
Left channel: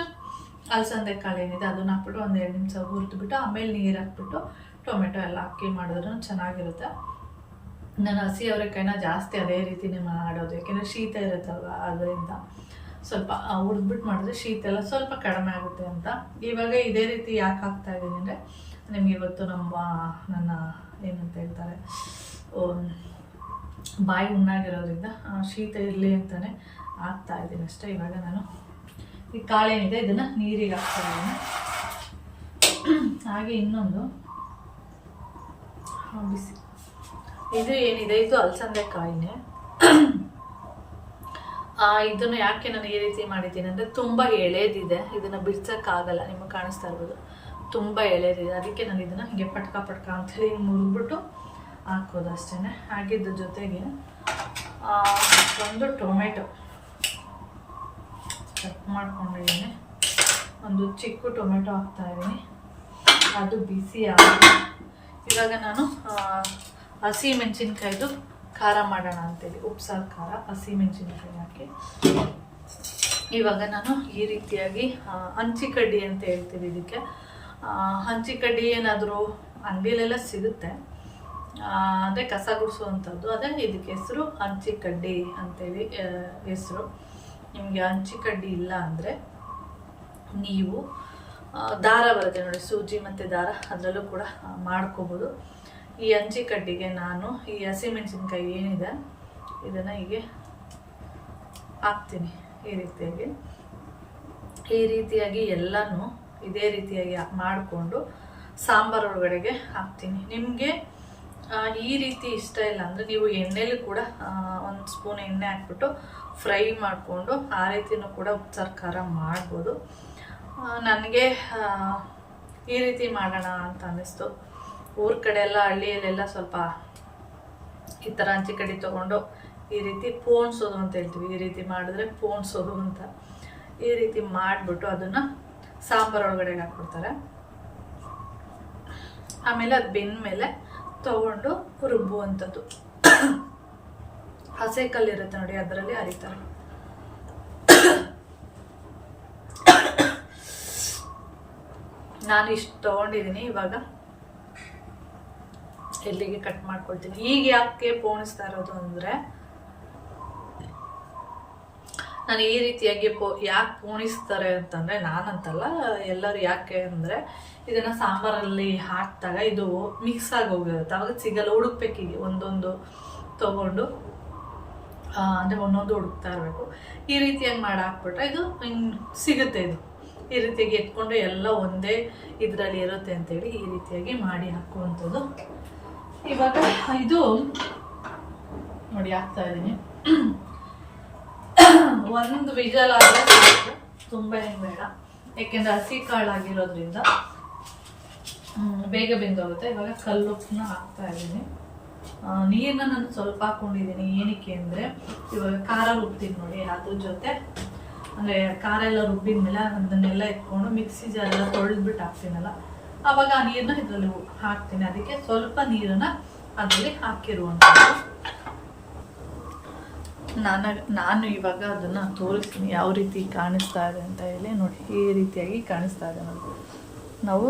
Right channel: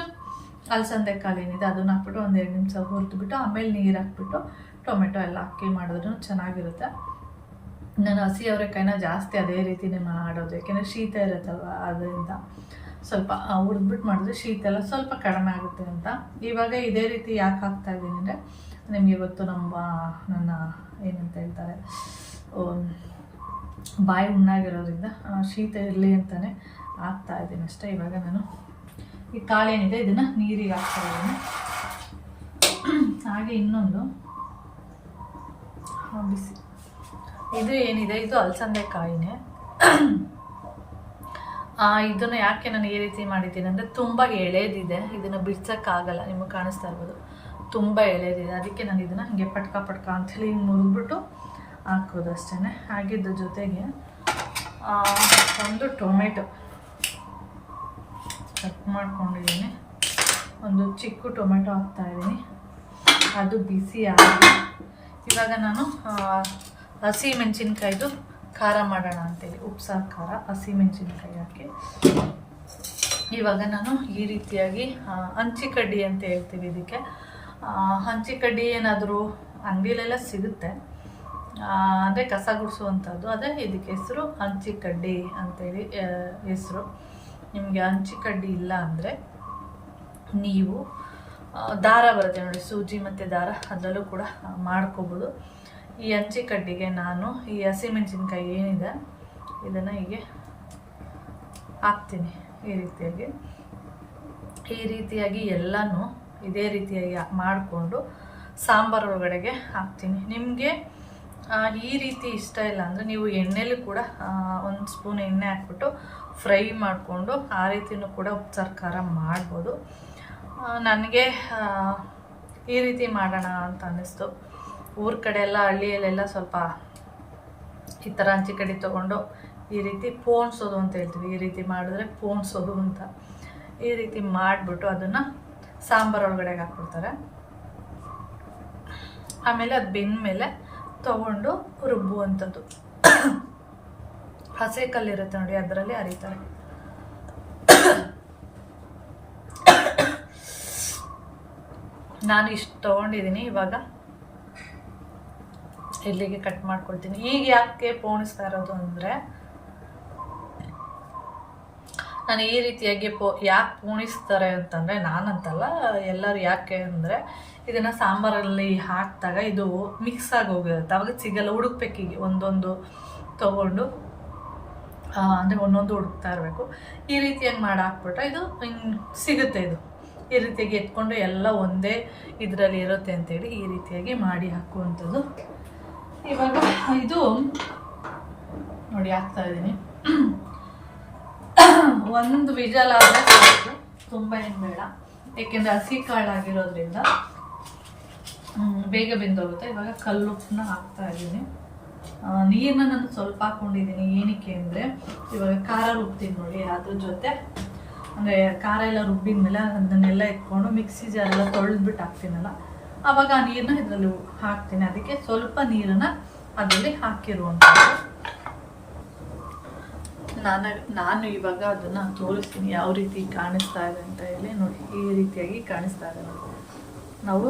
ಅಲಸಂದೆ ಕಾಳು ಏನಿದೆ ಅದನ್ನು ಹಾಕ್ಬಿಟ್ಟು ಒಂದು 2 ನಿಮಿಷ ಹುರಿದ್ಬಿಟ್ಟು ಆಮೇಲೆ ನೀರು ಹಾಕ್ಬಿಟ್ಟು ಟೊಮೆಟೊ ಎಲ್ಲ ಹಾಕಿ ಮಾಡಿದ್ರೂ ಚೆನ್ನಾಗಿರುತ್ತೆ. ನಾನು ಹಸಿ ಅವರೆಕಾಯಿನ ಜಾಸ್ತಿ ಅದೇ ರೀತಿಯೇ ಮಾಡೋದು, ಯಾಕೆಂದರೆ ಶೀತ ಇರುತ್ತಲ್ವ, ಅದರಿಂದ ಸ್ವಲ್ಪ ಹುರಿದ್ಬಿಟ್ಟು ಮಾಡಿದ್ರೆ ಶೀತ ಎಲ್ಲ ಸ್ವಲ್ಪ ಕಡಿಮೆ ಆಗುತ್ತೆ ಅಂತ. ಇವಾಗ ಇದೇ ರೀತಿ ಯಾಕೆ ಹಾಕ್ತಾಯಿದ್ದೀನಿ ಅಂದರೆ ನಿಮಗೆ ಇವತ್ತು ನನ್ನ ಏನಂತ ಹೇಳ್ತಾರೆ, ಬಾಯಿ ಉಣ್ಣಾಗಿರೋದ್ರಿಂದ ಶೀತ ಇರಲಿ ಅಂತಲೇ ಹಾಕ್ತಾಯಿದ್ದೀನಿ ಅಷ್ಟೇ. ಇವಾಗ ನಾನು ಈ ಕಾಳೇನಿದೆ ಇದನ್ನು ನೀರಿಗೆ ಹಾಕ್ತಾಯಿದ್ದೀನಿ. ಹಾಗೆ ಇನ್ನೊಂದು ಬಿಸಿ ಇದು ಏನಿದೆ, ಇದು ಅಲಸಂದೆ ಕಾಯಿನೇ. ಇದನ್ನು ಯಾಕೆ ನಾನು ಈ ರೀತಿ ಮಾಡಿದ್ದೀನಿ ಅಂದರೆ ತುಂಬ ಎಳೆದಿದೆ, ಇದನ್ನು ಬಿಡ್ಸೋಕ್ಕಾಗಲ್ಲ. ನಿಮಗೆ ಕಾಣಿಸ್ತಾ ಇರ್ಬೋದು, ತುಂಬ ಎಳೆದಿದೆ. ಅದಕ್ಕೆ ನಾನು ಇದನ್ನು ಹೀಗೆ ಪಟ್ಕ ಅಂತೇಳಿ ಹಿಂಗೆ ಮುರಿದ್ಬಿಟ್ಟು ಹಾಕೋದು ಅಷ್ಟೇ. ಹಾಗಿದ್ದ ಜೊತೆಗೆ ಒಂದು ಟೊಮೆಟೊ ಕಟ್ ಮಾಡ್ಕೊಂಡಿದ್ದೀನಿ, ಒಂದು ಚಿಕ್ಕ ಟೊಮೆಟೊ ಹಾಕ್ತಾಯಿದ್ದೀನಿ. ಅದು ಬಿಸಿ ಆಗಿ ಇವಾಗ ನಾನು ಹಸಿ ಮೆಣಸಿನ್ಕಾಯ್ದು ಖಾರ ಮಾಡೋಣ ಅಂತೇಳಿ ಉಪ್ಸಾರು ಖಾರ ಹಸಿ ಮೆಣಸಿನ್ಕಾಯಿ ಹಾಕಿ ಇವಾಗ ನಾನು ಈ ರೀತಿಯಾಗಿ ಹಂಚಿಕಡ್ಡಿ ಅಂತ ಹೇಳ್ತೀವಿ ಇದಕ್ಕೆ. ಹಂಚಿಕಡ್ಡಿ ಏನಾದರೂ ಅಂಗಡಿಲೆಲ್ಲ ಸಿಗುತ್ತೆ, ಅಂದರೆ ಕಸ ಗುಡಿಸುವಂಥದ್ದು. ಅದೇ ಇದಕ್ಕೆ ಹೆಸರು ಹಂಚಿಕಡ್ಡಿ ಅಂತೇಳಿ ಹೆಸರು. ನಿಮಗೆ ಹಂಚಿಕಡ್ಡಿ ಇಲ್ಲ ಅಂದರೆ ನೀವು ದಾರ ಬರುತ್ತೆ ನೋಡಿ, ಸೂಜಿ ಮತ್ತು ದಾರ, ಅದರಲ್ಲೂ ಕೂಡ ಮಾಡ್ಕೋಬೋದು. ಈ ಹಂಚಿಕಡ್ಡಿಗೆ ನಾನು ಈ ಹಸಿಮೆಣಸಿನ್ಕಾಯಿ ಏನಿದೆ ಇದನ್ನು ಹೀಗೆ ಹಾಕ್ತೀನಿ. ಈ ರೀತಿಯಾಗಿ ಎಲ್ಲನೂ ಇದೇ ರೀತಿಯಾಗಿ ಮಾಡಿಕೊಂಡು ಸಾಂಬಾರು ಒಳಗಡೆಗೆ ಹಾಕ್ತೀನಿ. ನಿಮಗೆ ಈ ರೀತಿ ಇಷ್ಟ ಇಲ್ಲ ಅಂದರೆ ನೀವು ಎಣ್ಣೆಲಿ ಕೂಡ ಒಂದು ಸ್ಪೂನ್ ಎಣ್ಣೆ ಹಾಕ್ಬಿಟ್ಟು ಫ್ರೈ ಮಾಡಿಕೊಂಡು ಆ ರೀತಿಯೂ ಕೂಡ ಉಪ್ಸಾರು ಖಾರ ಮಾಡ್ಬೋದು. ನನಗೆ ಈ ರೀತಿ ಮಾಡೋಣ ಅಂತ ಅನ್ನಿಸ್ತು. ಊರ ಕಡೆ ಎಲ್ಲ ಹಳ್ಳಿಯಲ್ಲೆಲ್ಲ ಸ್ವಲ್ಪ ಈ ಥರ ಹಂಚಿಕಡ್ಡಿ ತೊಗೊಂಡು ಈ ರೀತಿ ಪೋಣಿಸೋದು ಅಂತ ಹೇಳ್ತೀವಿ. ಈ ರೀತಿ ಮಾಡಿದ್ರೆ ಪೋಣಿಸೋದು ಅಂತ. ಈ ರೀತಿ ಮಾಡಿಬಿಟ್ಟು ಅದನ್ನು ಸಾಂಬಾರು ಒಳಗಡೆಗೆ ಹಾಕ್ಬಿಡ್ತಾರೆ. ಆಮೇಲೆ ಅದು ಬೆಂದ ಮೇಲೆ ತೊಗೊಂಡು ರುಬ್ಬುವಂಥದ್ದು. ಹಸೆ ಕಲ್ಲಿರುತ್ತೆ ನೋಡಿ, ಅದರಲ್ಲಿ ಅರಿತಾರೆ. ನಾನು ಇಷ್ಟು ತೊಗೊಂಡಿದ್ದೀನಿ. ಇವಾಗ ಇಲ್ಲಿಗೆ ಕಟ್ ಮಾಡ್ಕೊಳ್ತೀನಿ. ಈಗ ಯಾಕೆ ಪೋಣಿಸ್ತಾ ಇರೋದು ಅಂದರೆ, ನಾನು ಈ ರೀತಿಯಾಗಿ ಯಾಕೆ ಪೋಣಿಸ್ತಾರೆ ಅಂತಂದರೆ, ನಾನಂತಲ್ಲ, ಎಲ್ಲರೂ ಯಾಕೆ ಅಂದರೆ ಇದನ್ನು ಸಾಂಬಾರಲ್ಲಿ ಹಾಕಿದಾಗ ಇದು ಮಿಕ್ಸ್ ಆಗಿ ಹೋಗಿರುತ್ತೆ, ಅವಾಗ ಸಿಗಲ್ಲ. ಹುಡುಕ್ಬೇಕೀಗ ಒಂದೊಂದು ತೊಗೊಂಡು, ಅಂದರೆ ಒಂದೊಂದು ಹುಡುಕ್ತಾ ಇರಬೇಕು. ಈ ರೀತಿಯಾಗಿ ಮಾಡಿ ಹಾಕ್ಬಿಟ್ರೆ ಇದು ಹಿಂಗೆ ಸಿಗುತ್ತೆ. ಇದು ಈ ರೀತಿಯಾಗಿ ಎತ್ಕೊಂಡು ಎಲ್ಲ ಒಂದೇ ಇದರಲ್ಲಿ ಇರುತ್ತೆ ಅಂತೇಳಿ ಈ ರೀತಿಯಾಗಿ ಮಾಡಿ ಹಾಕುವಂಥದ್ದು. ಇವಾಗ ಇದು ನೋಡಿ ಹಾಕ್ತಾ ಇದ್ದೀನಿ. ಒಂದು ವಿಜಲ್ ಆದರೆ ತುಂಬ ಏನು ಬೇಡ, ಏಕೆಂದರೆ ಹಸಿ ಕಾಳಾಗಿರೋದ್ರಿಂದ ಬೇಗ ಬೆಂದೋಗುತ್ತೆ. ಇವಾಗ ಕಲ್ಲುಪ್ಪನ್ನ ಹಾಕ್ತಾ ಇದ್ದೀನಿ. ನೀರನ್ನ ನಾನು ಸ್ವಲ್ಪ ಹಾಕ್ಕೊಂಡಿದ್ದೀನಿ. ಏನಕ್ಕೆ ಅಂದರೆ ಇವಾಗ ಖಾರ ರುಬ್ತೀನಿ ನೋಡಿ, ಅದ್ರ ಜೊತೆ ಅಂದರೆ ಖಾರ ಎಲ್ಲ ರುಬ್ಬಿದ ಮೇಲೆ ಅದನ್ನೆಲ್ಲ ಎತ್ಕೊಂಡು ಮಿಕ್ಸಿ ಜಾರೆಲ್ಲ ತೊಳೆದ್ಬಿಟ್ಟು ಹಾಕ್ತೀನಲ್ಲ, ಆವಾಗ ಆ ನೀರನ್ನ ಇದರಲ್ಲಿ ಹಾಕ್ತೀನಿ. ಅದಕ್ಕೆ ಸ್ವಲ್ಪ ನೀರನ್ನು ಅದರಲ್ಲಿ ಹಾಕಿರುವಂಥದ್ದು. ನಾನು ಇವಾಗ ಅದನ್ನು ತೋರಿಸ್ತೀನಿ ಯಾವ ರೀತಿ ಕಾಣಿಸ್ತಾ ಇದೆ ಅಂತ ಹೇಳಿ. ನೋಡಿ, ಈ ರೀತಿಯಾಗಿ ಕಾಣಿಸ್ತಾ ಇದೆ. ನಾವು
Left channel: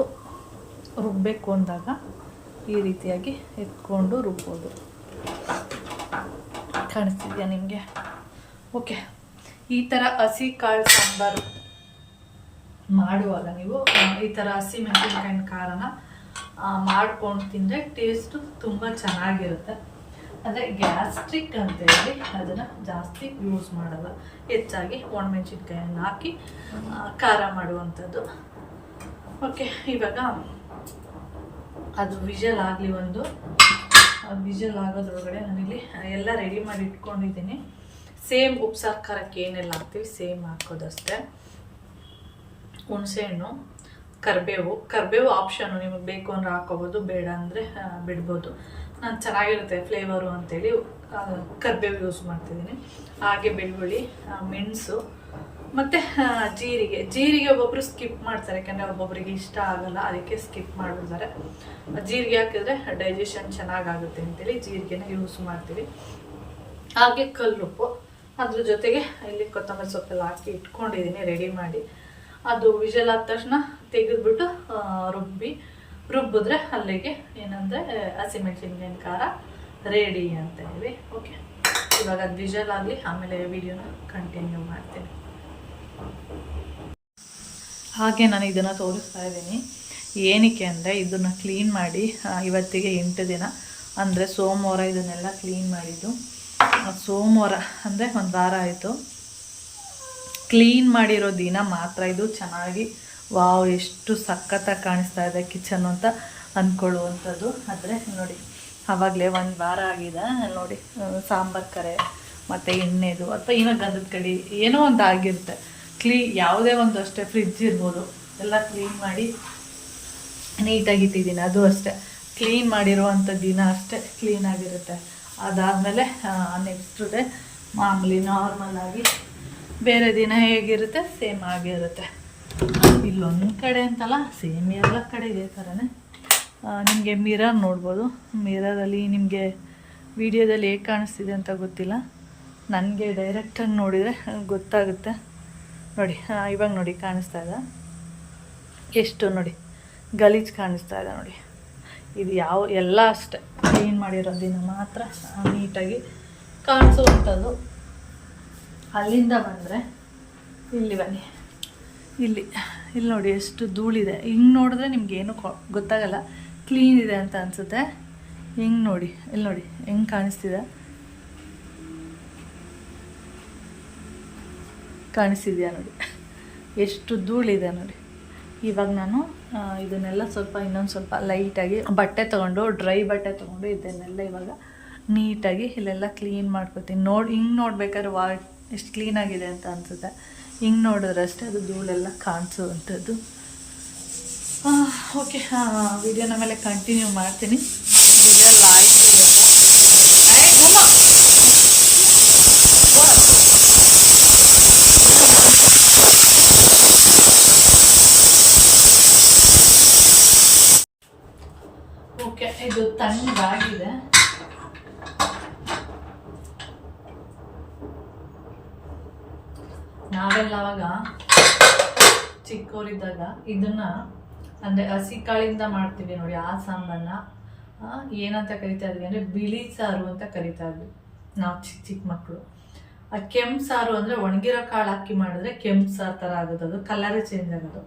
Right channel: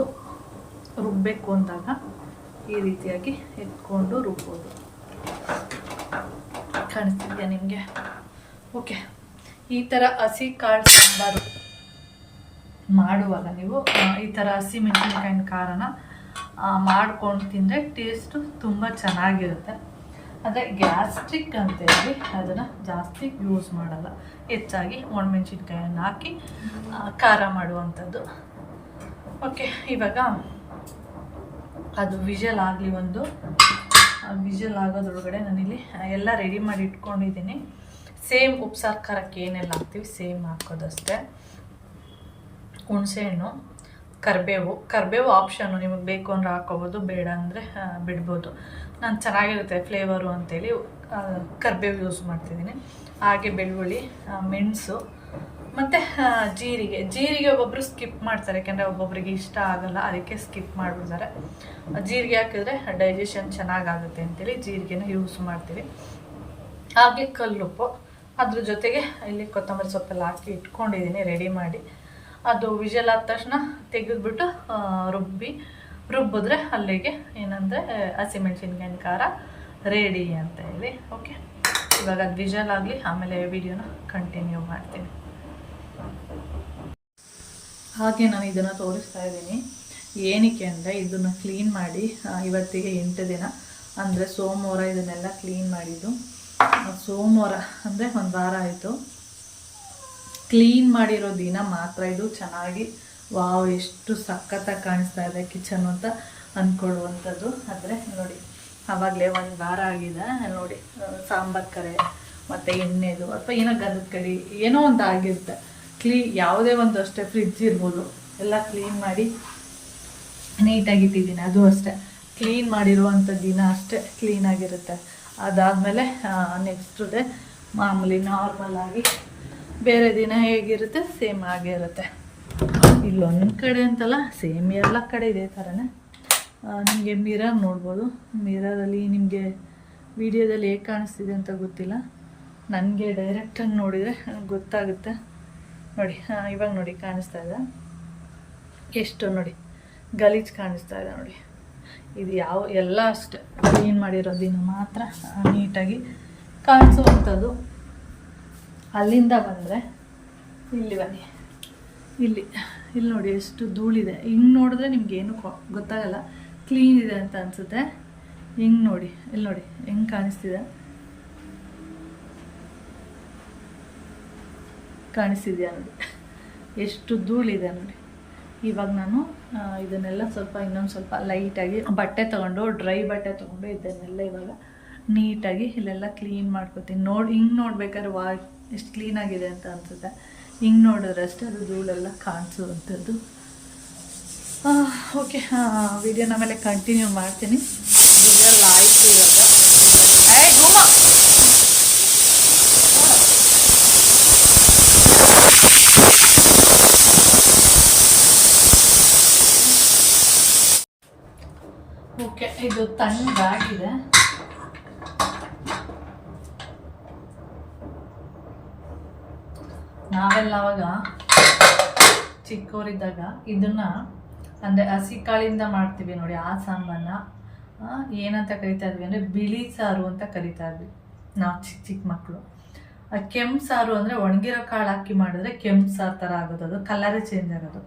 ರುಬ್ಬಬೇಕು ಅಂದಾಗ ಈ ರೀತಿಯಾಗಿ ಎತ್ಕೊಂಡು ರುಬ್ಬೋದು. ಕಾಣಿಸ್ತಿದೆಯಾ ನಿಮಗೆ? ಓಕೆ, ಈ ಥರ ಹಸಿ ಕಾಳು ಸಾಂಬಾರು ಮಾಡುವಾಗ ನೀವು ಈ ಥರ ಹಸಿ ಮೆಣಸಿನ್ಕಾಯಿನ ಖಾರನ ಮಾಡ್ಕೊಂಡು ತಿಂದರೆ ಟೇಸ್ಟು ತುಂಬ ಚೆನ್ನಾಗಿರುತ್ತೆ. ಅಂದರೆ ಗ್ಯಾಸ್ಟ್ರಿಕ್ ಅಂತೇಳಿ ಅದನ್ನು ಜಾಸ್ತಿ ಯೂಸ್ ಮಾಡಲ್ಲ, ಹೆಚ್ಚಾಗಿ ಒಣಮೆಣ್ಸಿನ್ಕಾಯನ್ನು ಹಾಕಿ ಖಾರ ಮಾಡುವಂಥದ್ದು. ಓಕೆ, ಇವಾಗ ಅದು ವಿಷಲ್ ಆಗಲಿ. ಒಂದು ವಿಷಲ್ ಆಗೋದ್ರೊಳಗಡೆ ನಾನಿಲ್ಲಿ ಎಲ್ಲ ರೆಡಿ ಮಾಡಿ ಇಟ್ಕೊಂಡಿದ್ದೀನಿ. ಸೇಮ್ ಉಪ್ಸಾರು ಖಾರಕ್ಕೆ ಏನೆಲ್ಲ ಹಾಕ್ತೀವಿ ಸೇಮ್ ಹಾಕೋದಷ್ಟೇ. ಹುಣಸೆಹಣ್ಣು, ಕರಿಬೇವು ಆಪ್ಷನ್ನು, ನಿಮಗೆ ಬೇಕು ಅಂದರೆ ಹಾಕೋಬೋದು, ಬೇಡ ಅಂದರೆ ಬಿಡ್ಬೋದು. ನಾನು ಚೆನ್ನಾಗಿರುತ್ತೆ ಫ್ಲೇವರು ಅಂತೇಳಿ ಕರಿಬೇವು ಯೂಸ್ ಮಾಡ್ತಿದ್ದೀನಿ. ಹಾಗೆ ಬೆಳ್ಳುಳ್ಳಿ, ಮೆಣಸು ಮತ್ತು ಜೀರಿಗೆ ಒಬ್ಬೊಬ್ಬರು ಸ್ಕಿಪ್ ಮಾಡ್ತಾರೆ, ಯಾಕೆಂದರೆ ಒಬ್ಬೊಬ್ಬರಿಗೆ ಇಷ್ಟ ಆಗಲ್ಲ, ಅದಕ್ಕೆ ಸ್ಕಿಪ್ ಮಾಡಿಬಿಡ್ತಾರೆ. ಜೀರಿಗೆ ಹಾಕಿದ್ರೆ ಡೈಜೆಷನ್ ಚೆನ್ನಾಗಾಗುತ್ತೆ ಅಂತೇಳಿ ಜೀರಿಗೆನ ಯೂಸ್ ಮಾಡ್ತೀವಿ. ಹಾಗೆ ಕಲ್ಲುಪ್ಪು, ಅದ್ರ ಜೊತೆಗೆ ಇಲ್ಲಿ ಕೊತ್ತಂಬರಿ ಸೊಪ್ಪೆಲ್ಲ ಹಾಕಿ ಇಟ್ಕೊಂಡಿದ್ದೀನಿ ರೆಡಿ ಮಾಡಿ. ಅದು ವಿಷಲ್ ಆದ ತಕ್ಷಣ ತೆಗೆದುಬಿಟ್ಟು ರುಬ್ಬಿದ್ರೆ ಅಲ್ಲಿಗೆ ಏನಂದರೆ ಹಸಿಮೆಣಸಿನ್ಕಾಯಿನ ಖಾರ ರೆಡಿ ಅಂತ ಹೇಳಿ. ಓಕೆ, ಇವಾಗ ಅದು ವಿಷಲ್ ಆಗಲಿ, ಆಮೇಲೆ ವಿಡಿಯೋನ ಕಂಟಿನ್ಯೂ ಮಾಡ್ತೀನಿ. ಹಾಗೆ ನಾನು ಇದನ್ನು ತೋರಿಸ್ತಾ ಇದ್ದೀನಿ. ಏನಕ್ಕೆ ಅಂದರೆ ಇದನ್ನು ಕ್ಲೀನ್ ಮಾಡಿ ಇವತ್ತಿಗೆ 8 ದಿನ, ಅಂದರೆ ಸೋಮವಾರ ಇದನ್ನೆಲ್ಲ ಕ್ಲೀನ್ ಮಾಡಿದ್ದು. ಸೋಮವಾರ ಅಂದರೆ ಒಂದು ವಾರ ಆಯಿತು. ಕ್ಲೀನ್ ಮಾಡಿರೋ ದಿನ ಮಾತ್ರ ಇದು ಚೆನ್ನಾಗಿ ವಾವ್ ಎಷ್ಟು ಸಖತ್ತಾಗಿ ಕಾಣಿಸ್ತಾ ಇದೆ ಕಿಚನ್ ಅಂತ ಅಂದ್ಕೊಳ್ಳುವಂಥದ್ದು. ಆದರೆ ನೋಡಿ, ಆವಾಗಲೇ ಒಂದು ವಾರ ಆಗಿದೆ ನೋಡಿ. ಸಾಂಬಾರು ಕರೆ ಮತ್ತು ಎಣ್ಣೆದು ಅಥವಾ ಏನೋ ಗಂಧದ ಕಡಿ ಏನೋ ಒಂದು ಆಗಿರುತ್ತೆ. ಯಾವುದೇ ಒಂದು ಅಷ್ಟೇ, ಫ್ರಿಡ್ಜ್ ಇರ್ಬೋದು, ಎಲ್ಲ ಕ್ಲೀನ್ ಮಾಡಿ ನೀಟಾಗಿ ಇಟ್ಟಿದ್ದೀನಿ. ಅದು ಅಷ್ಟೇ, ಕ್ಲೀನ್ ಮಾಡಿರುವಂಥ ದಿನ ಅಷ್ಟೇ ಕ್ಲೀನಾಗಿರುತ್ತೆ. ಅದಾದಮೇಲೆ ನೆಕ್ಸ್ಟ್ ಡೇ ಮಾಮೂಲಿ ನಾರ್ಮಲಾಗಿ ಬೇರೆ ದಿನ ಹೇಗಿರುತ್ತೆ ಸೇಮ್ ಆಗೇ ಇರುತ್ತೆ. ಇಲ್ಲೊಂದು ಕಡೆ ಅಂತಲ್ಲ, ಸೇಮ್ ಎಲ್ಲ ಕಡೆ ಇದೇ ಥರನೇ. ನಿಮಗೆ ಮಿರರ್ ನೋಡ್ಬೋದು. ಮಿರರಲ್ಲಿ ನಿಮಗೆ ವಿಡಿಯೋದಲ್ಲಿ ಹೇಗೆ ಕಾಣಿಸ್ತಿದೆ ಅಂತ ಗೊತ್ತಿಲ್ಲ, ನನಗೆ ಡೈರೆಕ್ಟಾಗಿ ನೋಡಿದರೆ ಗೊತ್ತಾಗುತ್ತೆ. ನೋಡಿ ಇವಾಗ ನೋಡಿ ಕಾಣಿಸ್ತಾ ಇದೆ ಎಷ್ಟು, ನೋಡಿ ಗಲೀಜು ಕಾಣಿಸ್ತಾ ಇದೆ ನೋಡಿ. ಇದು ಎಲ್ಲ ಅಷ್ಟೇ ಕ್ಲೀನ್ ಮಾಡಿರೋ ದಿನ ಮಾತ್ರ ನೀಟಾಗಿ ಕಾಣಿಸುವಂಥದ್ದು. ಅಲ್ಲಿಂದ ಬಂದರೆ ಇಲ್ಲಿ ಬನ್ನಿ, ಇಲ್ಲಿ ನೋಡಿ ಎಷ್ಟು ಧೂಳಿದೆ. ಹಿಂಗೆ ನೋಡಿದ್ರೆ ನಿಮ್ಗೇನು ಗೊತ್ತಾಗಲ್ಲ, ಕ್ಲೀನ್ ಇದೆ ಅಂತ ಅನಿಸುತ್ತೆ. ಹಿಂಗೆ ನೋಡಿ, ಇಲ್ಲಿ ನೋಡಿ ಹೆಂಗೆ ಕಾಣಿಸ್ತಿದೆ, ಕಾಣಿಸ್ತಿದೆಯಾ ನೋಡಿ ಎಷ್ಟು ಧೂಳಿದೆ ನೋಡಿ. ಇವಾಗ ನಾನು ಇದನ್ನೆಲ್ಲ ಸ್ವಲ್ಪ ಇನ್ನೊಂದು ಸ್ವಲ್ಪ ಲೈಟಾಗಿ ಬಟ್ಟೆ ತೊಗೊಂಡು, ಡ್ರೈ ಬಟ್ಟೆ ತೊಗೊಂಡು ಇದನ್ನೆಲ್ಲ ಇವಾಗ ನೀಟಾಗಿ ಇಲ್ಲೆಲ್ಲ ಕ್ಲೀನ್ ಮಾಡ್ಕೊತೀನಿ. ಹಿಂಗೆ ನೋಡ್ಬೇಕಾದ್ರೆ ಎಷ್ಟು ಕ್ಲೀನಾಗಿದೆ ಅಂತ ಅನಿಸುತ್ತೆ. ಹಿಂಗೆ ನೋಡಿದ್ರೆ ಅಷ್ಟೇ ಅದು ಧೂಳೆಲ್ಲ ಕಾಣಿಸುವಂಥದ್ದು. ಓಕೆ, ವಿಡಿಯೋನ ಮೇಲೆ ಕಂಟಿನ್ಯೂ ಮಾಡ್ತೀನಿ. ಇದೆಲ್ಲ ಆಯಿತು ಇವಾಗ. ಓಕೆ, ಇದು ತಣ್ಣಗಾಗಿದೆ. ನಾವೆಲ್ಲ ಅವಾಗ ಚಿಕ್ಕವರಿದ್ದಾಗ ಇದನ್ನು ಅಂದರೆ ಹಸಿ ಕಾಳಿಂದ ಮಾಡ್ತೀವಿ ನೋಡಿ. ಆ ಸಾಂಬಾರನ್ನ ಏನಂತ ಕರಿತಾ ಇದ್ವಿ ಅಂದರೆ ಬಿಳಿ ಸಾರು ಅಂತ ಕರಿತಾ ಇದ್ವಿ ನಾವು ಚಿಕ್ಕ ಮಕ್ಕಳು. ಆ ಕೆಂಪು ಸಾರು ಅಂದರೆ ಒಣಗಿರೋ ಕಾಳು ಹಾಕಿ ಮಾಡಿದ್ರೆ ಕೆಂಪು ಸಾರು ಥರ ಆಗೋದು, ಅದು ಕಲರೇ ಚೇಂಜ್ ಆಗೋದು.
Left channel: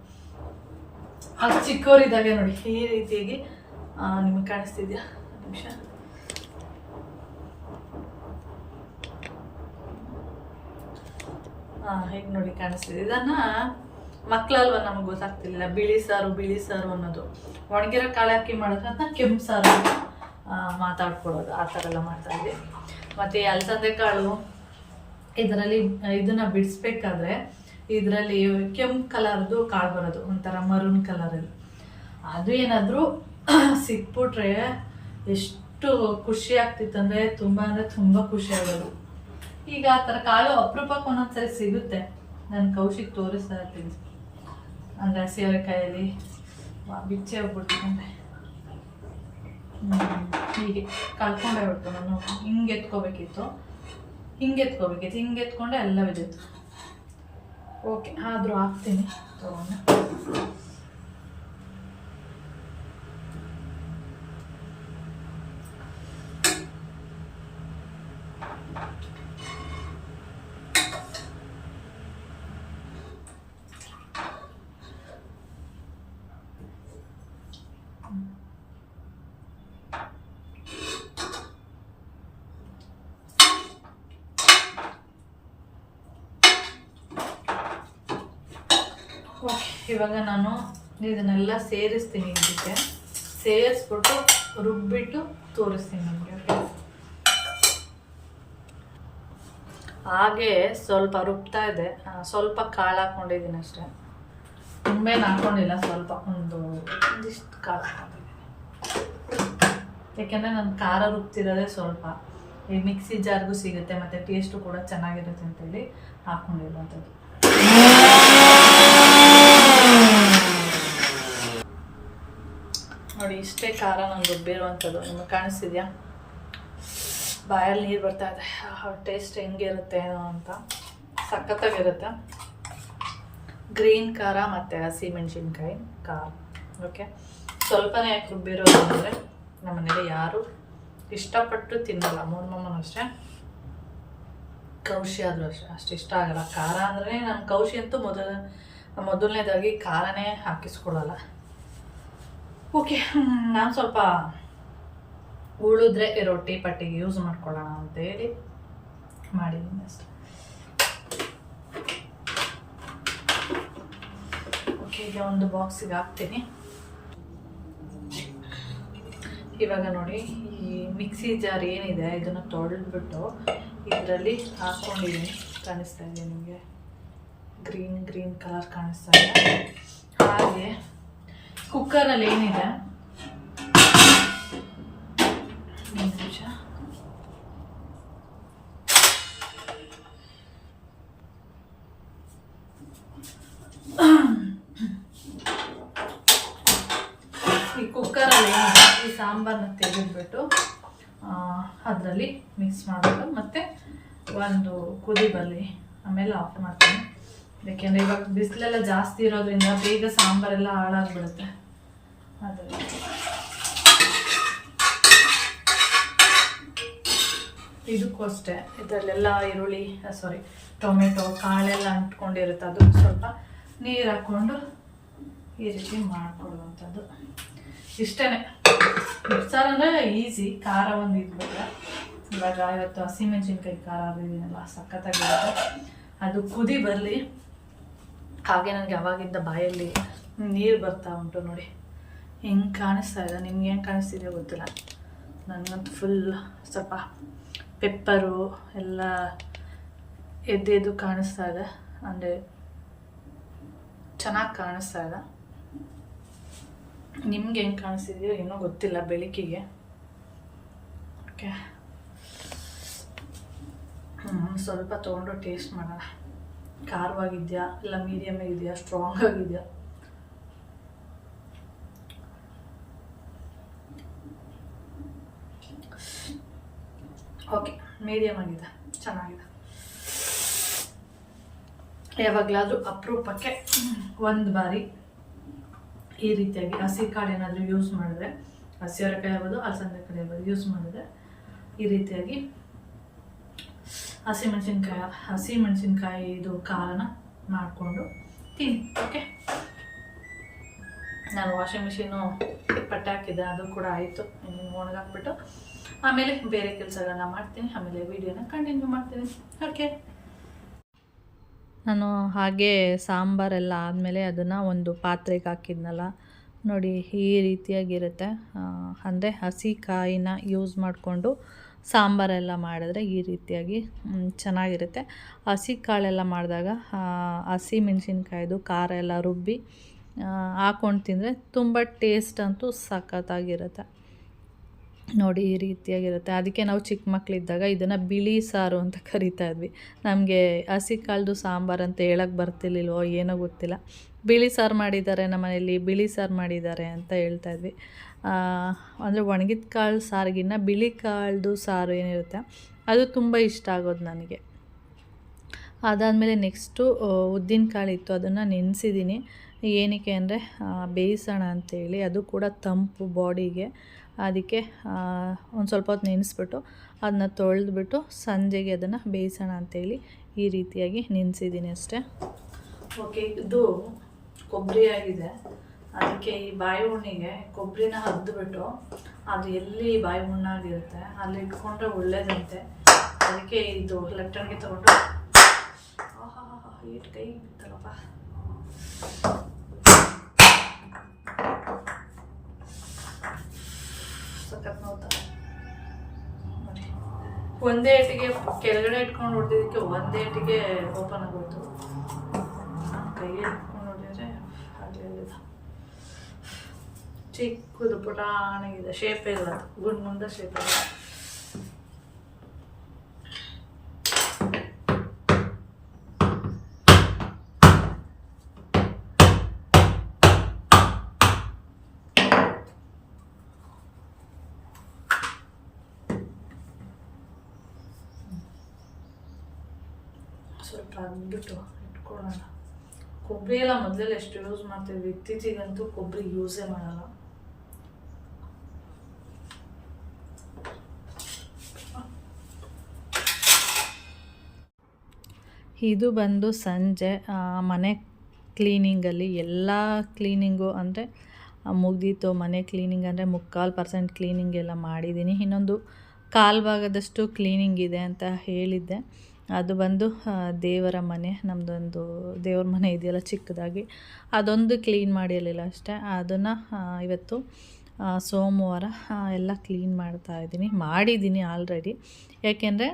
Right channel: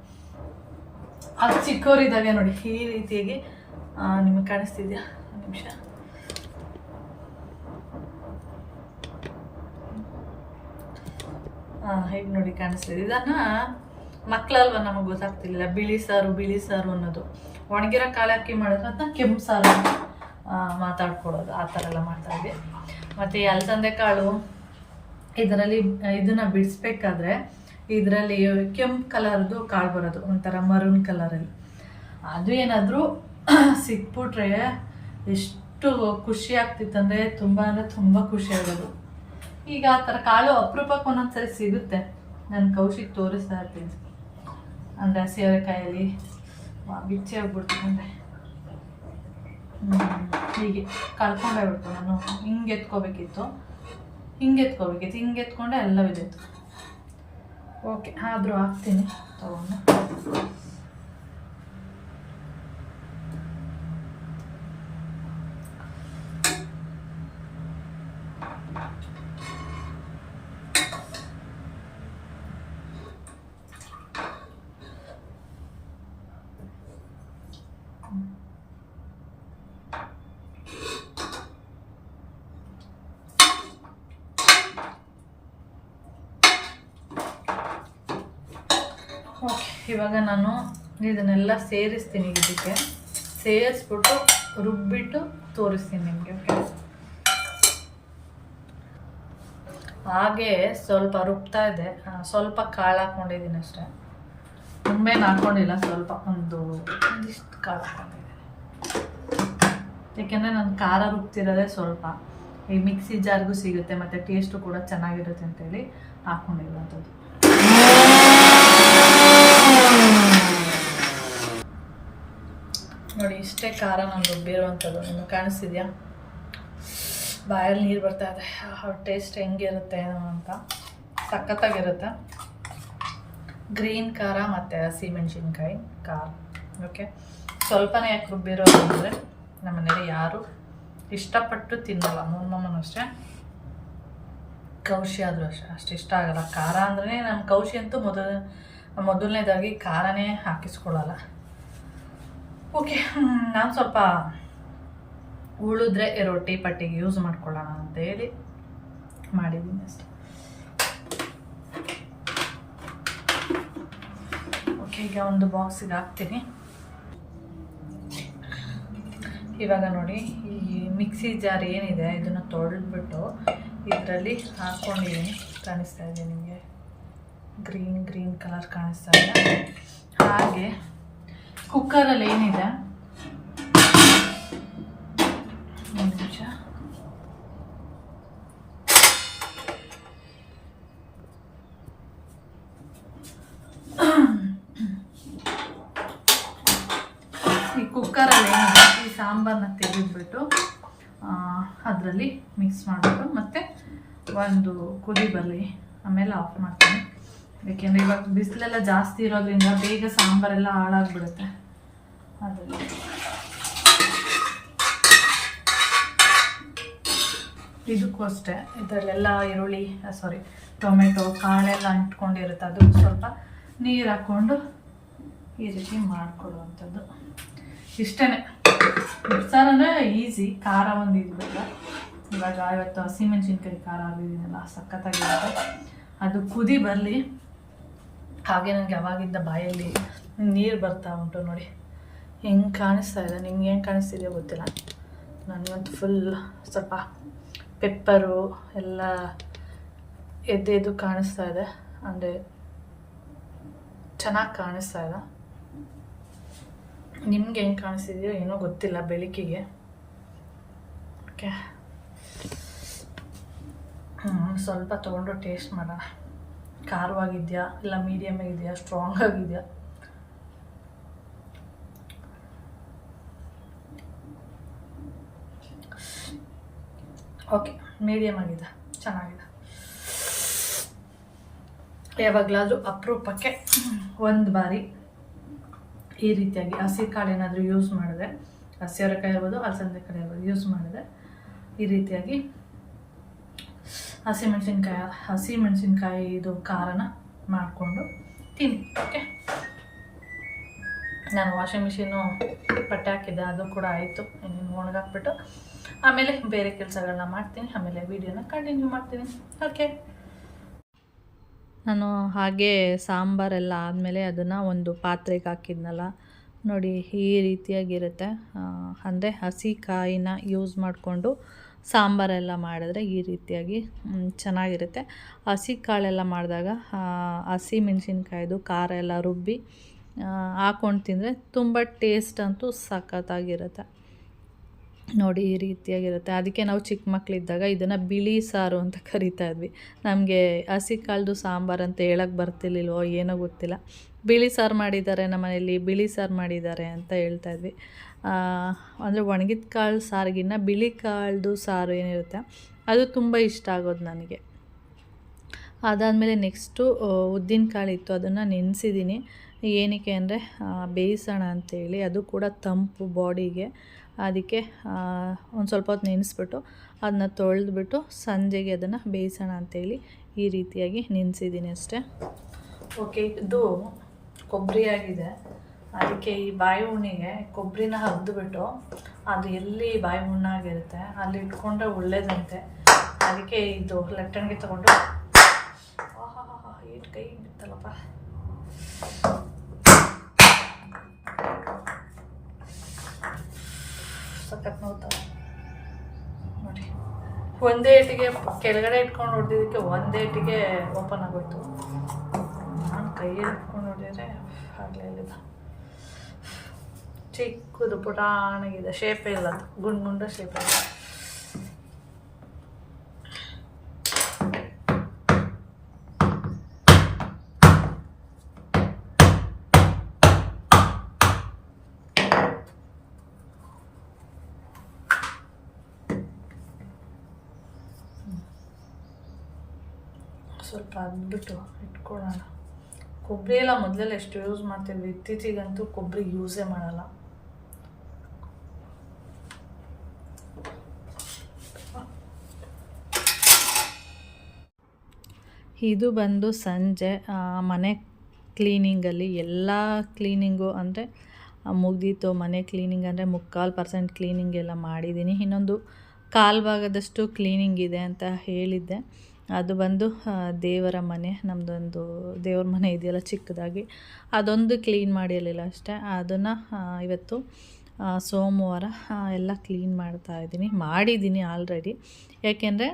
ಅದು ಚಿಕ್ಕವರಿದ್ದಾಗ ನೋಡಿ ಈ ರೀತಿಯಾಗಿ ನಿಮಗೆ ಕಾಣಿಸ್ತಿದ್ಯಾ? ಒಂದು ನಿಮಿಷ. ಹೇಗೆ ನೋಡಿ ಕಾಣಿಸ್ತಿದೆ. ಇದನ್ನು ಮಕ್ಕಳಲ್ವ ನಮಗೆ ಗೊತ್ತಾಗ್ತಿರ್ಲಿಲ್ಲ ಬಿಳಿ ಸಾರು ಅನ್ನೋದು. ಒಣಗಿರೋ ಕಾಳು ಹಾಕಿ ಮಾಡಿದ್ರೆ ಅದನ್ನ ಕೆಂಪು ಸಾರು ಅಂತ ಮಾತಾಡ್ಕೊಳ್ಳೋದು, ಆ ಥರ ಎಲ್ಲ ಮಾಡ್ತಾಯಿದ್ವಿ. ಮತ್ತು ಅಲಸಂದೆ ಕಾಳು ಇದರಲ್ಲಿ ಇದನ್ನು ಬಿಡಿಸ್ಬೇಕಾದ್ರೆ ಇದರಲ್ಲಿ ಕೆಂಪು ಕಲರ್ದು ಕಾಳು ಬರೋದು, ಒಂಥರ ಮರೂನ್ ಕಲರಲ್ಲಿ. ಅದು ಏನಾದರೂ ಸಿಕ್ಬಿಟ್ರೆ ಎಷ್ಟು ಖುಷಿ ಆಗ್ತಿತ್ತಂದರೆ ತುಂಬ ಖುಷಿ ಆಗೋದು. ಈಗ ಆ ಥರ ಕಾಳು ಅಪರೂಪಕ್ಕೆ ಒಂದೊಂದ್ಸರಿ ಸಿಗುತ್ತೆ. ನಾನು ಕೌಶಿಕ್ ತೋರಿಸ್ತಾ ಇರ್ತೀನಿ. ಅಂದರೆ ಹಸಿರೆಕಾಯಲ್ಲಿ ಬಿಚ್ಚೆ ಹೋಗ್ಬಿಡ್ತಂತೆ, ಹೀಗೆ ಕಳ್ಕೊಂಡೇ ಬಿಡ್ತು. ನಾನು ಹಿಂಗೆ ಎತ್ಕೋಬೇಕಿತ್ತು, ಹಿಂಗೆ ಎತ್ಕೊಂಡೆ ಎಲ್ಲ ಬಿದ್ದಿತ್ತು. ಓಕೆ, ಆದರೂ ಹಾಕ್ತೀನಿ ತಗೊಂಡು. ಓಕೆ, ಇವಾಗ ನಾನು ಇದನ್ನೆಲ್ಲ ಸೇರಿಸ್ತೀನಿ. ಇದಕ್ಕೆ ಸೇರಿಸ್ಬಿಟ್ಟು ರುಬ್ಬಿಟ್ಟು ತೋರಿಸ್ತೀನಿ ನಿಮಗೆ. ಓಕೆ, ಹಾಗೆ ಸ್ವಲ್ಪ ರುಬ್ತಾ ಇದೆ. ಸ್ವಲ್ಪ ಕಾಳು ಹಾಕ್ಕೊಂಡಿದ್ದೀನಿ ಅಷ್ಟೇ, ತುಂಬೇನು ಹಾಕ್ಕೊಂಡಿಲ್ಲ. ಸ್ವಲ್ಪ ಒಂದಿಷ್ಟು ಕಾಳು ಹಾಕ್ಕೊಂಡಿದ್ದೀನಿ. ಯಾಕೆಂದರೆ ನಾನು ಖಾರ ರುಬ್ತಿರೋದೇ ಸ್ವಲ್ಪ. ಈ ಮಿಕ್ಸಿ ಜಾರ್ಗೂ ಸಿಗುತ್ತೆ ಮತ್ತು ಟೇಸ್ಟು ಕೂಡ ಚೆನ್ನಾಗಿರುತ್ತೆ ಅಂತೇಳಿ ಹಾಕ್ಕೊಂಡಿರುವಂಥದ್ದು. ನೋಡಿ ಇಷ್ಟೇ ಖಾರ ನಾನು ರುಬ್ಬಿರುವಂಥದ್ದು. ನಿಮಗೆ ಕಾಣಿಸ್ತಿದ್ಯಾ? ಬಾಯಲ್ಲಿ ನೀರು ಬರ್ತಾ ಇದೆ. ಟೇಸ್ಟ್ ಹೆಂಗಿರುತ್ತೆ ಏನೋ ಅಂತ, ಸಖತ್ತಾಗಿರುತ್ತೆ. ಗ್ರೀನ್ ಖಾರ ಮತ್ತು ಹಸಿಮೆಣ್ಸಿನ್ಕಾಯಿ ಖಾರ. ಓಕೆ, ಸ್ವಲ್ಪನೇ ಯಾಕೆ ರುಬ್ಬಿರೋದು ಅಂದರೆ ನಮ್ಮ ಮನೇಲಿ ಯಾರು ಇಷ್ಟಪಟ್ಟು ತಿನ್ನಲ್ಲ. ಮೊಮ್ಮಮ್ಮನೂ ಅಷ್ಟೇ, ಕೌಶಿ ಆದರೂ ಅಷ್ಟೇ ಅಷ್ಟು ಇಷ್ಟ ಆಗಲ್ಲ ಖಾರ ಅಂದ್ರೆ. ನಮ್ಮ ಕೌಶಿ ಅಂತೂ ಮೊದಲನೇದಾಗಿ ಖಾರನೇ ಹಾಕಿಸ್ಕೊಳ್ಳಲ್ಲ. ಓಕೆ, ನಾನು ಸ್ವಲ್ಪ ಉಳಿದ್ರೆ ರೊಟ್ಟಿ ಪಟ್ಟಿಗೆ ಯೂಸ್ ಮಾಡ್ಕೊಳ್ಳೋಣ ಅಂತೇಳಿ ಮಾಡಿದ್ದೀನಿ ಅಷ್ಟೆ. ಓಕೆ, ಈಗ ಒಂದು ಬಾಕ್ಸಿಗೆ ಹಾಕ್ತೀನಿ. ಇವಾಗ ನೋಡಿ ಈ ಮಿಕ್ಸಿ ಜಾರ್ ಏನಿದೆ ಇದನ್ನು ತೊಳೆದ್ಬಿಟ್ಟು ಇದರಲ್ಲಿ ಹಾಕ್ಕೊಂಡಿದ್ದೀನಿ. ಕಾಣಿಸ್ತಾ ಇದೆ ನಿಮಗೆ? ಗ್ರೀನ್ ಕಲರ್ ಕಾಣಿಸ್ತಾ ಇದೆ. ಹಾಗೆ ಕುಕ್ಕರಲ್ಲಿ ಏನಿದೆ, ಒಂದು ನಿಮಿಷ, ಕುಕ್ಕರಲ್ಲಿ ಏನಿದೆ ಈ ಸಾಂಬಾರನ್ನ ತೆಗೆದುಬಿಟ್ಟು ಅದರಲ್ಲಿ ಮಿಕ್ಸ್ ಮಾಡಬೇಕು, ಮತ್ತು ಒಂದು ಕುದಿ ಬರಲಿ, ಆಮೇಲೆ ಆಫ್ ಮಾಡ್ತೀನಿ. ಯಾಕೆಂದರೆ ಇವಾಗ ಬಿಸಿಲೆಲ್ಲ ಜಾಸ್ತಿ ಇರೋದ್ರಿಂದ ಬೇಗ ಸಾಂಬಾರೆಲ್ಲ ಹಾಳಾಗ್ಬಿಡುತ್ತೆ. ಅದರಲ್ಲಿ ಇದಕ್ಕೂ ಅಷ್ಟೇ, ಇದರಲ್ಲೆಲ್ಲ ಈರುಳ್ಳಿ ಟೊಮೆಟೊ ಕಾಳೆಲ್ಲ ಅಂಟ್ಕೊಂಡಿರುತ್ತೆ. ಅದು ಸ್ವಲ್ಪ ನೀರು ಹಾಕ್ಕೊಂಡು ಈ ರೀತಿ ಮಾಡಿಕೊಡುವಂಥದ್ದು. ಇಷ್ಟೇ. ಸಾರು ಅಂದರೆ ಈಸಿ, ಖಾರ ಒಂದು ಇದ್ಬಿಟ್ರೆ. ಇವಾಗ ಇವತ್ತು ಹಸಿಮೆಣ್ಸಿನ್ಕಾಯಿ ಖಾರ ಆಗಿದ್ದೀನಲ್ಲ, ಸಖತ್ತಾಗಿರುತ್ತೆ. ಅದು ಕುದಿ ಬರಲಿ. ಹಾಗೆ ನನಗೆ ಅವಾಗಿಂದ ಬಾಯಲ್ಲಿ ನೀರು ಬರ್ತಾ ಉಂಟು ನೋಡಿ, ಹೆಂಗೆ ಕಾಣಿಸ್ತಾ ಇದೆ. ನಿಮ್ಗೆ ಹೆಂಗೆ ಕಾಣಿಸ್ತಿದೆಯೋ ಗೊತ್ತಿಲ್ಲ, ನನಗಂತೂ ಫುಲ್ ಸ್ವಲ್ಪ ಪೆಪ್ಪರು ಎಲ್ಲ ಎದ್ದು ಕಾಣಿಸ್ತಾ ಇದೆ. ಅಂದರೆ ಚೆನ್ನಾಗಿ ಕಾಣಿಸ್ತಾ ಇದೆ. ನಿಮ್ಗೆ ಹೆಂಗೆ ಕಾಣಿಸ್ತಿದೆಯೋ ಏನೋ ಗೊತ್ತಿಲ್ಲ ಬೆಳಕಿಗೆ. ಓಕೆ, ಸ್ವಲ್ಪ ತೊಗೊಂಡು ಟೇಸ್ಟ್ ಮಾಡೋಣ. ಖಾರವಾಗಿದೆಯಾ ಇಲ್ಲ ಮೀಡಿಯಮ್ ಆಗಿದೆಯಾ ಸ್ಟ್ರಾಂಗ್ ಆಗಿದೆಯಾ? ಓಕೆ, ಮೀಡಿಯಮ್ ಆಗಿದೆ, ಚೆನ್ನಾಗಿದೆ. ಯಾವಾಗಲಾದರೂ ಅಪರೂಪಕ್ಕೆ ಒಂದು ಬಾರಿ ಈ ರೀತಿಯಾಗಿ ಹಸಿ ಕಾಳು ಏನಾದರೂ ಯೂಸ್ ಮಾಡಿದ್ರೆ, ಹಸಿ ಅವರೆಕಾಯಿ ಇರ್ಬೋದು, ಅಲಸಂದೆಕಾಯಿ ಇರ್ಬೋದು, ಯೂಸ್ ಮಾಡಿದ್ರೆ ಈ ರೀತಿಯಾಗಿ ಹಸಿಮೆಣಸಿನ್ಕಾಯಿ ಇದು ಖಾರನ ಮಾಡಿಕೊಂಡು ತಿನ್ನಿ. ಓಕೆ, ನಾನು ವಾಷಿಂಗ್ ಮಿಷಿನು ಬಟ್ಟೆ ಹಾಕಿದ್ದೆ, ಅದು ಕೂಡ ಆಯಿತು. ಇನ್ನು ಒಣಗಾಕ್ಬಿಟ್ಟು ಆಮೇಲೆ ಬೇರೆ ಕೆಲಸಗಳನ್ನ ಮಾಡ್ತೀನಿ, ಆಮೇಲೆ ವಿಡಿಯೋನ ಕಂಟಿನ್ಯೂ ಮಾಡ್ತೀನಿ. ಓಕೆ, ನಾನು ಹಾಗೆ ಸಾಂಬಾರೆಲ್ಲ ಆದಮೇಲೆ ಅದನ್ನು ಒಂದು ಪಾತ್ರೆಗೆ ಹಾಕಿದ್ನಲ್ಲ ನೋಡಿ, ಈ ರೀತಿಯಾಗಿರುತ್ತೆ. ಅಂದರೆ ಹಸಿ ಕಾಯಿನ ಯೂಸ್ ಮಾಡಿಕೊಂಡು ಸಾಂಬಾರೆಲ್ಲ ಮಾಡಿದ್ರೆ ಈ ರೀತಿಯಾಗಿ ಚೆನ್ನಾಗಿರುತ್ತೆ. ಹಸಿ ಕಾಳೆಲ್ಲ ಮಾಡಿದಾಗ ಹಸಿ ಮೆಣಸಿನ್ಕಾಯ್ದು ಖಾರ ಎಲ್ಲ ರುಬ್ಬಿ ಹಾಕ್ಕೊಂಡು ತಿಂದರೆ ತುಂಬ ಟೇಸ್ಟ್ ಅಂತೂ ಸಖತ್ತಾಗಿರುತ್ತೆ ನೋಡಿ. ಈ ರೀತಿಯಾಗಿರುತ್ತೆ. ಅದಕ್ಕೆ ನಾವು ಚಿಕ್ಕ ಮಕ್ಕಳಿದ್ದಾಗ ಇದನ್ನು ಬಿಳಿ ಸಾರು ಅಂತ ಕರಿತಾ ಇದ್ವಿ. ನಮಗೆ ಹಸಿ ಕಾಳ್ದು ಸಾಂಬಾರು ಅಂತ ಹೇಳೋಕ್ಕೆ ಬರ್ತಿರ್ಲಿಲ್ವೋ ಏನೋ ಗೊತ್ತಿಲ್ಲ. ಬಿಳಿ ಸಾರು ಮಾಡಿದ್ದಾರೆ ನಮ್ಮ ಮನೆಯಲ್ಲಿ, ಬಿಳಿ ಸಾರು ಮಾಡಿದ್ದಾರೆ ಅಂತ ಹೇಳ್ತಾಯಿದ್ವಿ. ಅಂದರೆ ಒಣಗಿದ ಕಾಳು ಸಾರಿಗಿನ್ನ ಬಿಳಿ ಕಾಳ್ದು ಸಾರು ಏನಿರುತ್ತೆ ಅದು ತುಂಬ ಇಷ್ಟ ಆಗೋದು ನನಗೆ. ಅದಾದಮೇಲೆ ನೆಕ್ಸ್ಟು ಉದ್ದಿನ ಕಾಳು ಇತ್ತು, ಅದನ್ನು ನೆನೆಸಿದ್ದೀನಿ. ಏನಕ್ಕೆ ಅಂದರೆ ಬೇಯಿಸೋಣ ಅಂತೇಳಿ, ಅದು ಕೂಡ ತಂಪು ಬಾಡಿಗೆ. ಅದಕ್ಕೆ ಒಂದು ಸ್ವಲ್ಪ ಹೊತ್ತು ನೆನೆಸ್ಬಿಟ್ಟು ಅದನ್ನ ತೊಳೆದ್ಬಿಟ್ಟು ಸಂಜೆಗೆ ಅದನ್ನು ಬೇಯಿಸೋಣ ಅಂತೇಳಿ ಈ ರೀತಿಯಾಗಿ ನೆನೆಸಿದ್ದೀನಿ ಅಷ್ಟೇ. ಓಕೆ, ಇದು ಕೊಬ್ಬರಿ ಆಗಿದೆ. ಅದಕ್ಕೆ ಈ ಬಾಯಿ ಹುಣ್ಣಿಗೆ ಕೊಬ್ಬರಿನ ಹರಿದ್ಬಿಟ್ಟು ಅದು ಎಲ್ಲಿ ಬಾಯಿ ಹುಣ್ಣಾಗಿರುತ್ತೆ ಅಲ್ಲಿ ಇಟ್ಕೊಂಡ್ರೆ ಒಳ್ಳೇದಂತೆ. ಅದಕ್ಕೆ ಇದು ಲಟ್ಟಣಿಗೆ ತೊಗೊಂಡು ಈಟ್ ಕೈ ಬಿತ್ತಲ್ಲಪ್ಪ. ಸಖತ್ ನೋಡ್ತಾರೆ ನೋಡಿ. ಒಂದೇ ಏಟಿಗೆ ಕೆಳಗಡೆ ಇಟ್ಕೊಂಡು ಹೊಡೆದಿದ್ದಕ್ಕೆ ಒಂದೇ ಏಟಿಗೆ ಓಪನ್ ಆಗೋಯ್ತು. ನಾನು ಕೈಯಲ್ಲಿ ಇಟ್ಕೊಂಡು ಹೊಡೆದ್ರೆ ಆಗಲೇ ಅಲ್ಲಿದ್ದ. ಚಿಕ್ಕದು ಪುಟಾಣಗಿದೆ, ಶೇಪೇ ಇಲ್ಲ, ಅದು ಗುಂಡ ಶೇಪೇ ಇಲ್ಲ. ಸ್ವಲ್ಪ ಅದ್ಬಿಟ್ಟು ಇಟ್ಕೊಳ್ಳೋಣ. ಕೊಬ್ಬರಿ ಎಲ್ಲ ಮೊದಲೆಲ್ಲ ಎಷ್ಟು ಯೂಸ್ ಮಾಡ್ತಿದ್ವಿ, ಇತ್ತೀಚೆಗಂತೂ ಕೊಬ್ಬರಿ ಯೂಸೇ ಮಾಡಲ್ಲ. ಇದು ಬಂದು ಸಂಜೆ ಮನೆ ಕ್ಲೀನಿಂಗಲ್ಲಿ ಎಲ್ಲ ಕ್ಲೀನಿಂಗು ಅಂದರೆ ಮುಗ್ದಿತ್ತು. ಮನೆ ಕ್ಲೀನಿಂಗ್ ಅಂದರೆ 3/4% ಕ್ಲೀನಿಂಗ್ ಎಲ್ಲ ಮಾಡಿದ್ದೀನಿ. ಇನ್ನೊಂದು 1/4 ಭಾಗದಷ್ಟು ಕ್ಲೀನಿಂಗ್ ಇದೆ ಅಂತ ಹೇಳಿದ್ದೆ. ಅದು ಬಂದು ದೇವರ ಮನೆ, ನಮ್ಮದೊಂದು ದೇವ್ರ ಮನೆ ಇದೆಯಲ್ಲ ಚಿಕ್ಕದಾಗಿ, ಅದೊಂದು ಕ್ಲೀನ್ ಮಾಡಿರಲಿಲ್ಲ ಅಷ್ಟೇ. ಅದನ್ನು ಇವತ್ತು ಸೋಮವಾರ ಎಲ್ಲ ಕ್ಲೀನ್ ಮಾಡಿದ್ದೀನಿ ಆಲ್ರೆಡಿ. ಯಾಕೆಂದರೆ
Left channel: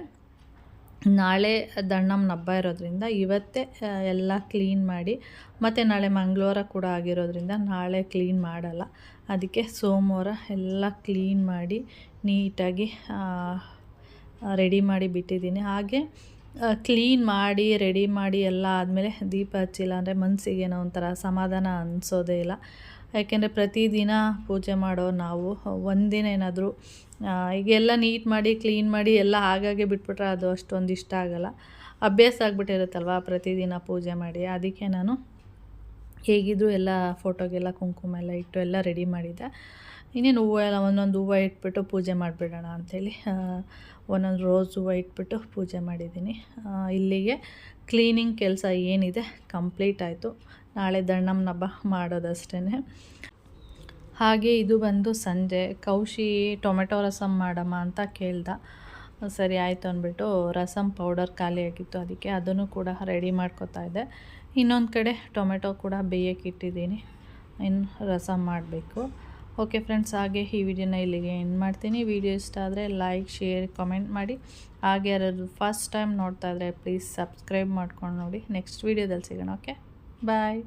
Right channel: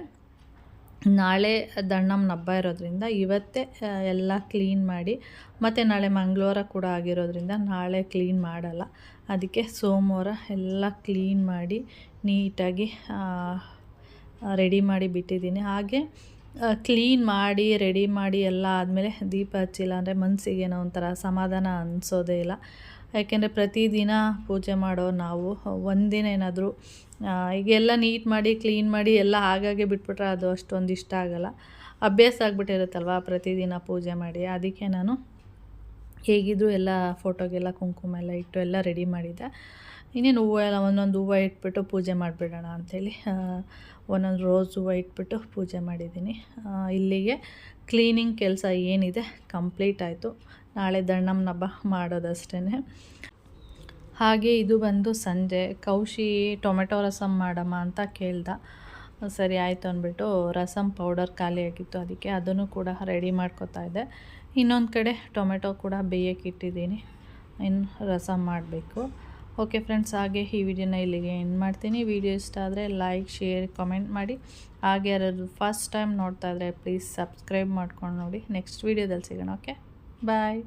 ನಾಳೆ ದಣ್ಣಮ್ಮನ ಹಬ್ಬ ಇರೋದ್ರಿಂದ ಇವತ್ತೇ ಎಲ್ಲ ಕ್ಲೀನ್ ಮಾಡಿ, ಮತ್ತು ನಾಳೆ ಮಂಗಳವಾರ ಕೂಡ ಆಗಿರೋದ್ರಿಂದ ನಾಳೆ ಕ್ಲೀನ್ ಮಾಡಲ್ಲ. ಅದಕ್ಕೆ ಸೋಮವಾರ ಎಲ್ಲ ಕ್ಲೀನ್ ಮಾಡಿ ನೀಟಾಗಿ ರೆಡಿ ಮಾಡಿ ಬಿಟ್ಟಿದ್ದೀನಿ. ಹಾಗೆ ಕ್ಲೀನ್ ಮಾಡಿ ರೆಡಿ ಮಾಡಿ ಎಲ್ಲ ಆದಮೇಲೆ ದೀಪ ಹಚ್ಚಿಲ್ಲ ಅಂದರೆ ಮನಸ್ಸಿಗೇನೋ ಒಂಥರ ಸಮಾಧಾನ ಅನಿಸೋದೇ ಇಲ್ಲ. ಯಾಕೆಂದರೆ ಪ್ರತಿದಿನ ಪೂಜೆ ಮಾಡೋ ನಾವು ಒಂದಿನ ಏನಾದರೂ ಈಗೆಲ್ಲ ನೀಟ್ ಮಾಡಿ ಕ್ಲೀನ್ ಮಾಡಿ ಎಲ್ಲ ಹಾಗಾಗೆ ಬಿಟ್ಬಿಟ್ರೆ ಅದು ಅಷ್ಟೊಂದು ಇಷ್ಟ ಆಗೋಲ್ಲ. ಅಭ್ಯಾಸ ಆಗಿಬಿಟ್ಟಿರುತ್ತಲ್ವ ಪ್ರತಿದಿನ ಪೂಜೆ ಮಾಡಿ. ಅದಕ್ಕೆ ನಾನು ಹೇಗಿದ್ದರೂ ಎಲ್ಲ ಫೋಟೋಗೆಲ್ಲ ಕುಂಕುಮ ಎಲ್ಲ ಇಟ್ಟು ಎಲ್ಲ ರೆಡಿ ಮಾಡಿದ್ದೆ. ಇನ್ನೇನು ಹೂವು ಎಲ್ಲ ಒಂದೊಂದು ಹೂವು ಇಟ್ಬಿಟ್ಟು ಪೂಜೆ ಮಾಡಿಬಿಡೋಣ ಅಂಥೇಳಿ ಒಂದೊಂದು ರೋಸ್ ಹೂವು ಇಟ್ಬಿಟ್ಟು ಪೂಜೆ ಮಾಡಿದ್ದೀನಿ. ಇಲ್ಲಿಗೆ ಕ್ಲೀನಿಂಗ್ ಕೆಲಸ ಏನಿದೆ ಕಂಪ್ಲೀಟ್ ಆಯಿತು. ನಾಳೆ ದಣ್ಣಮ್ಮನ ಹಬ್ಬ ಮಾಡೋದಷ್ಟೇ. ಹಾಗೆ ಇದು ಬಂದು ಸಂಜೆ ಕೌಶಿ ಟೊಮೆಟೊ ರಸಮ್ ಮಾಡಮ್ಮ ಅಂತ ಕೇಳ್ದ. ಸರಿ ಆಯಿತು ಅಂದ್ಬಿಟ್ಟು ರಸಮ್ ಪೌಡರ್ ಖಾಲಿಯಾಗಿತ್ತು, ಅದಕ್ಕೆ ಅದನ್ನು ಕೂಡ ರೆಡಿ ಮಾಡ್ಕೊತಾ ಇದ್ದೆ. ಇನ್ನೊಂದು ಕಡೆ ಟೊಮೆಟೊ ಕೂಡ ಬೇಯಕ್ಕೆ ಇಟ್ಟಿದ್ದೀನಿ, ಇನ್ನು ರಸಮ್ ಮಾಡಬೇಕು. ಓಕೆ ಫ್ರೆಂಡ್ಸ್, ಹಾಗೆ ಈ ವಿಡಿಯೋನ ಇಲ್ಲಿಗೆ ಎಂಡ್ ಮಾಡ್ತೀನಿ. ವಿಡಿಯೋ ಇಷ್ಟ ಆದರೆ ಲೈಕ್, ಶೇರ್, ಕಮೆಂಟ್ ಮಾಡಿ. ಹಾಗೆ ಯಾರಾದರೂ ಫಸ್ಟ್ ಟೈಮ್ ನೋಡ್ತಾ ಇದ್ದರೆ ಪ್ಲೀಸ್ ಸಬ್ಸ್ಕ್ರೈಬ್ ಮಾಡ್ಕೊಂಡು ನೋಡಿ. ನೆಕ್ಸ್ಟ್ ವೀಡಿಯೋದಲ್ಲಿ ಸಿಗೋಣ. ಓಕೆ, ಬಾಯ್.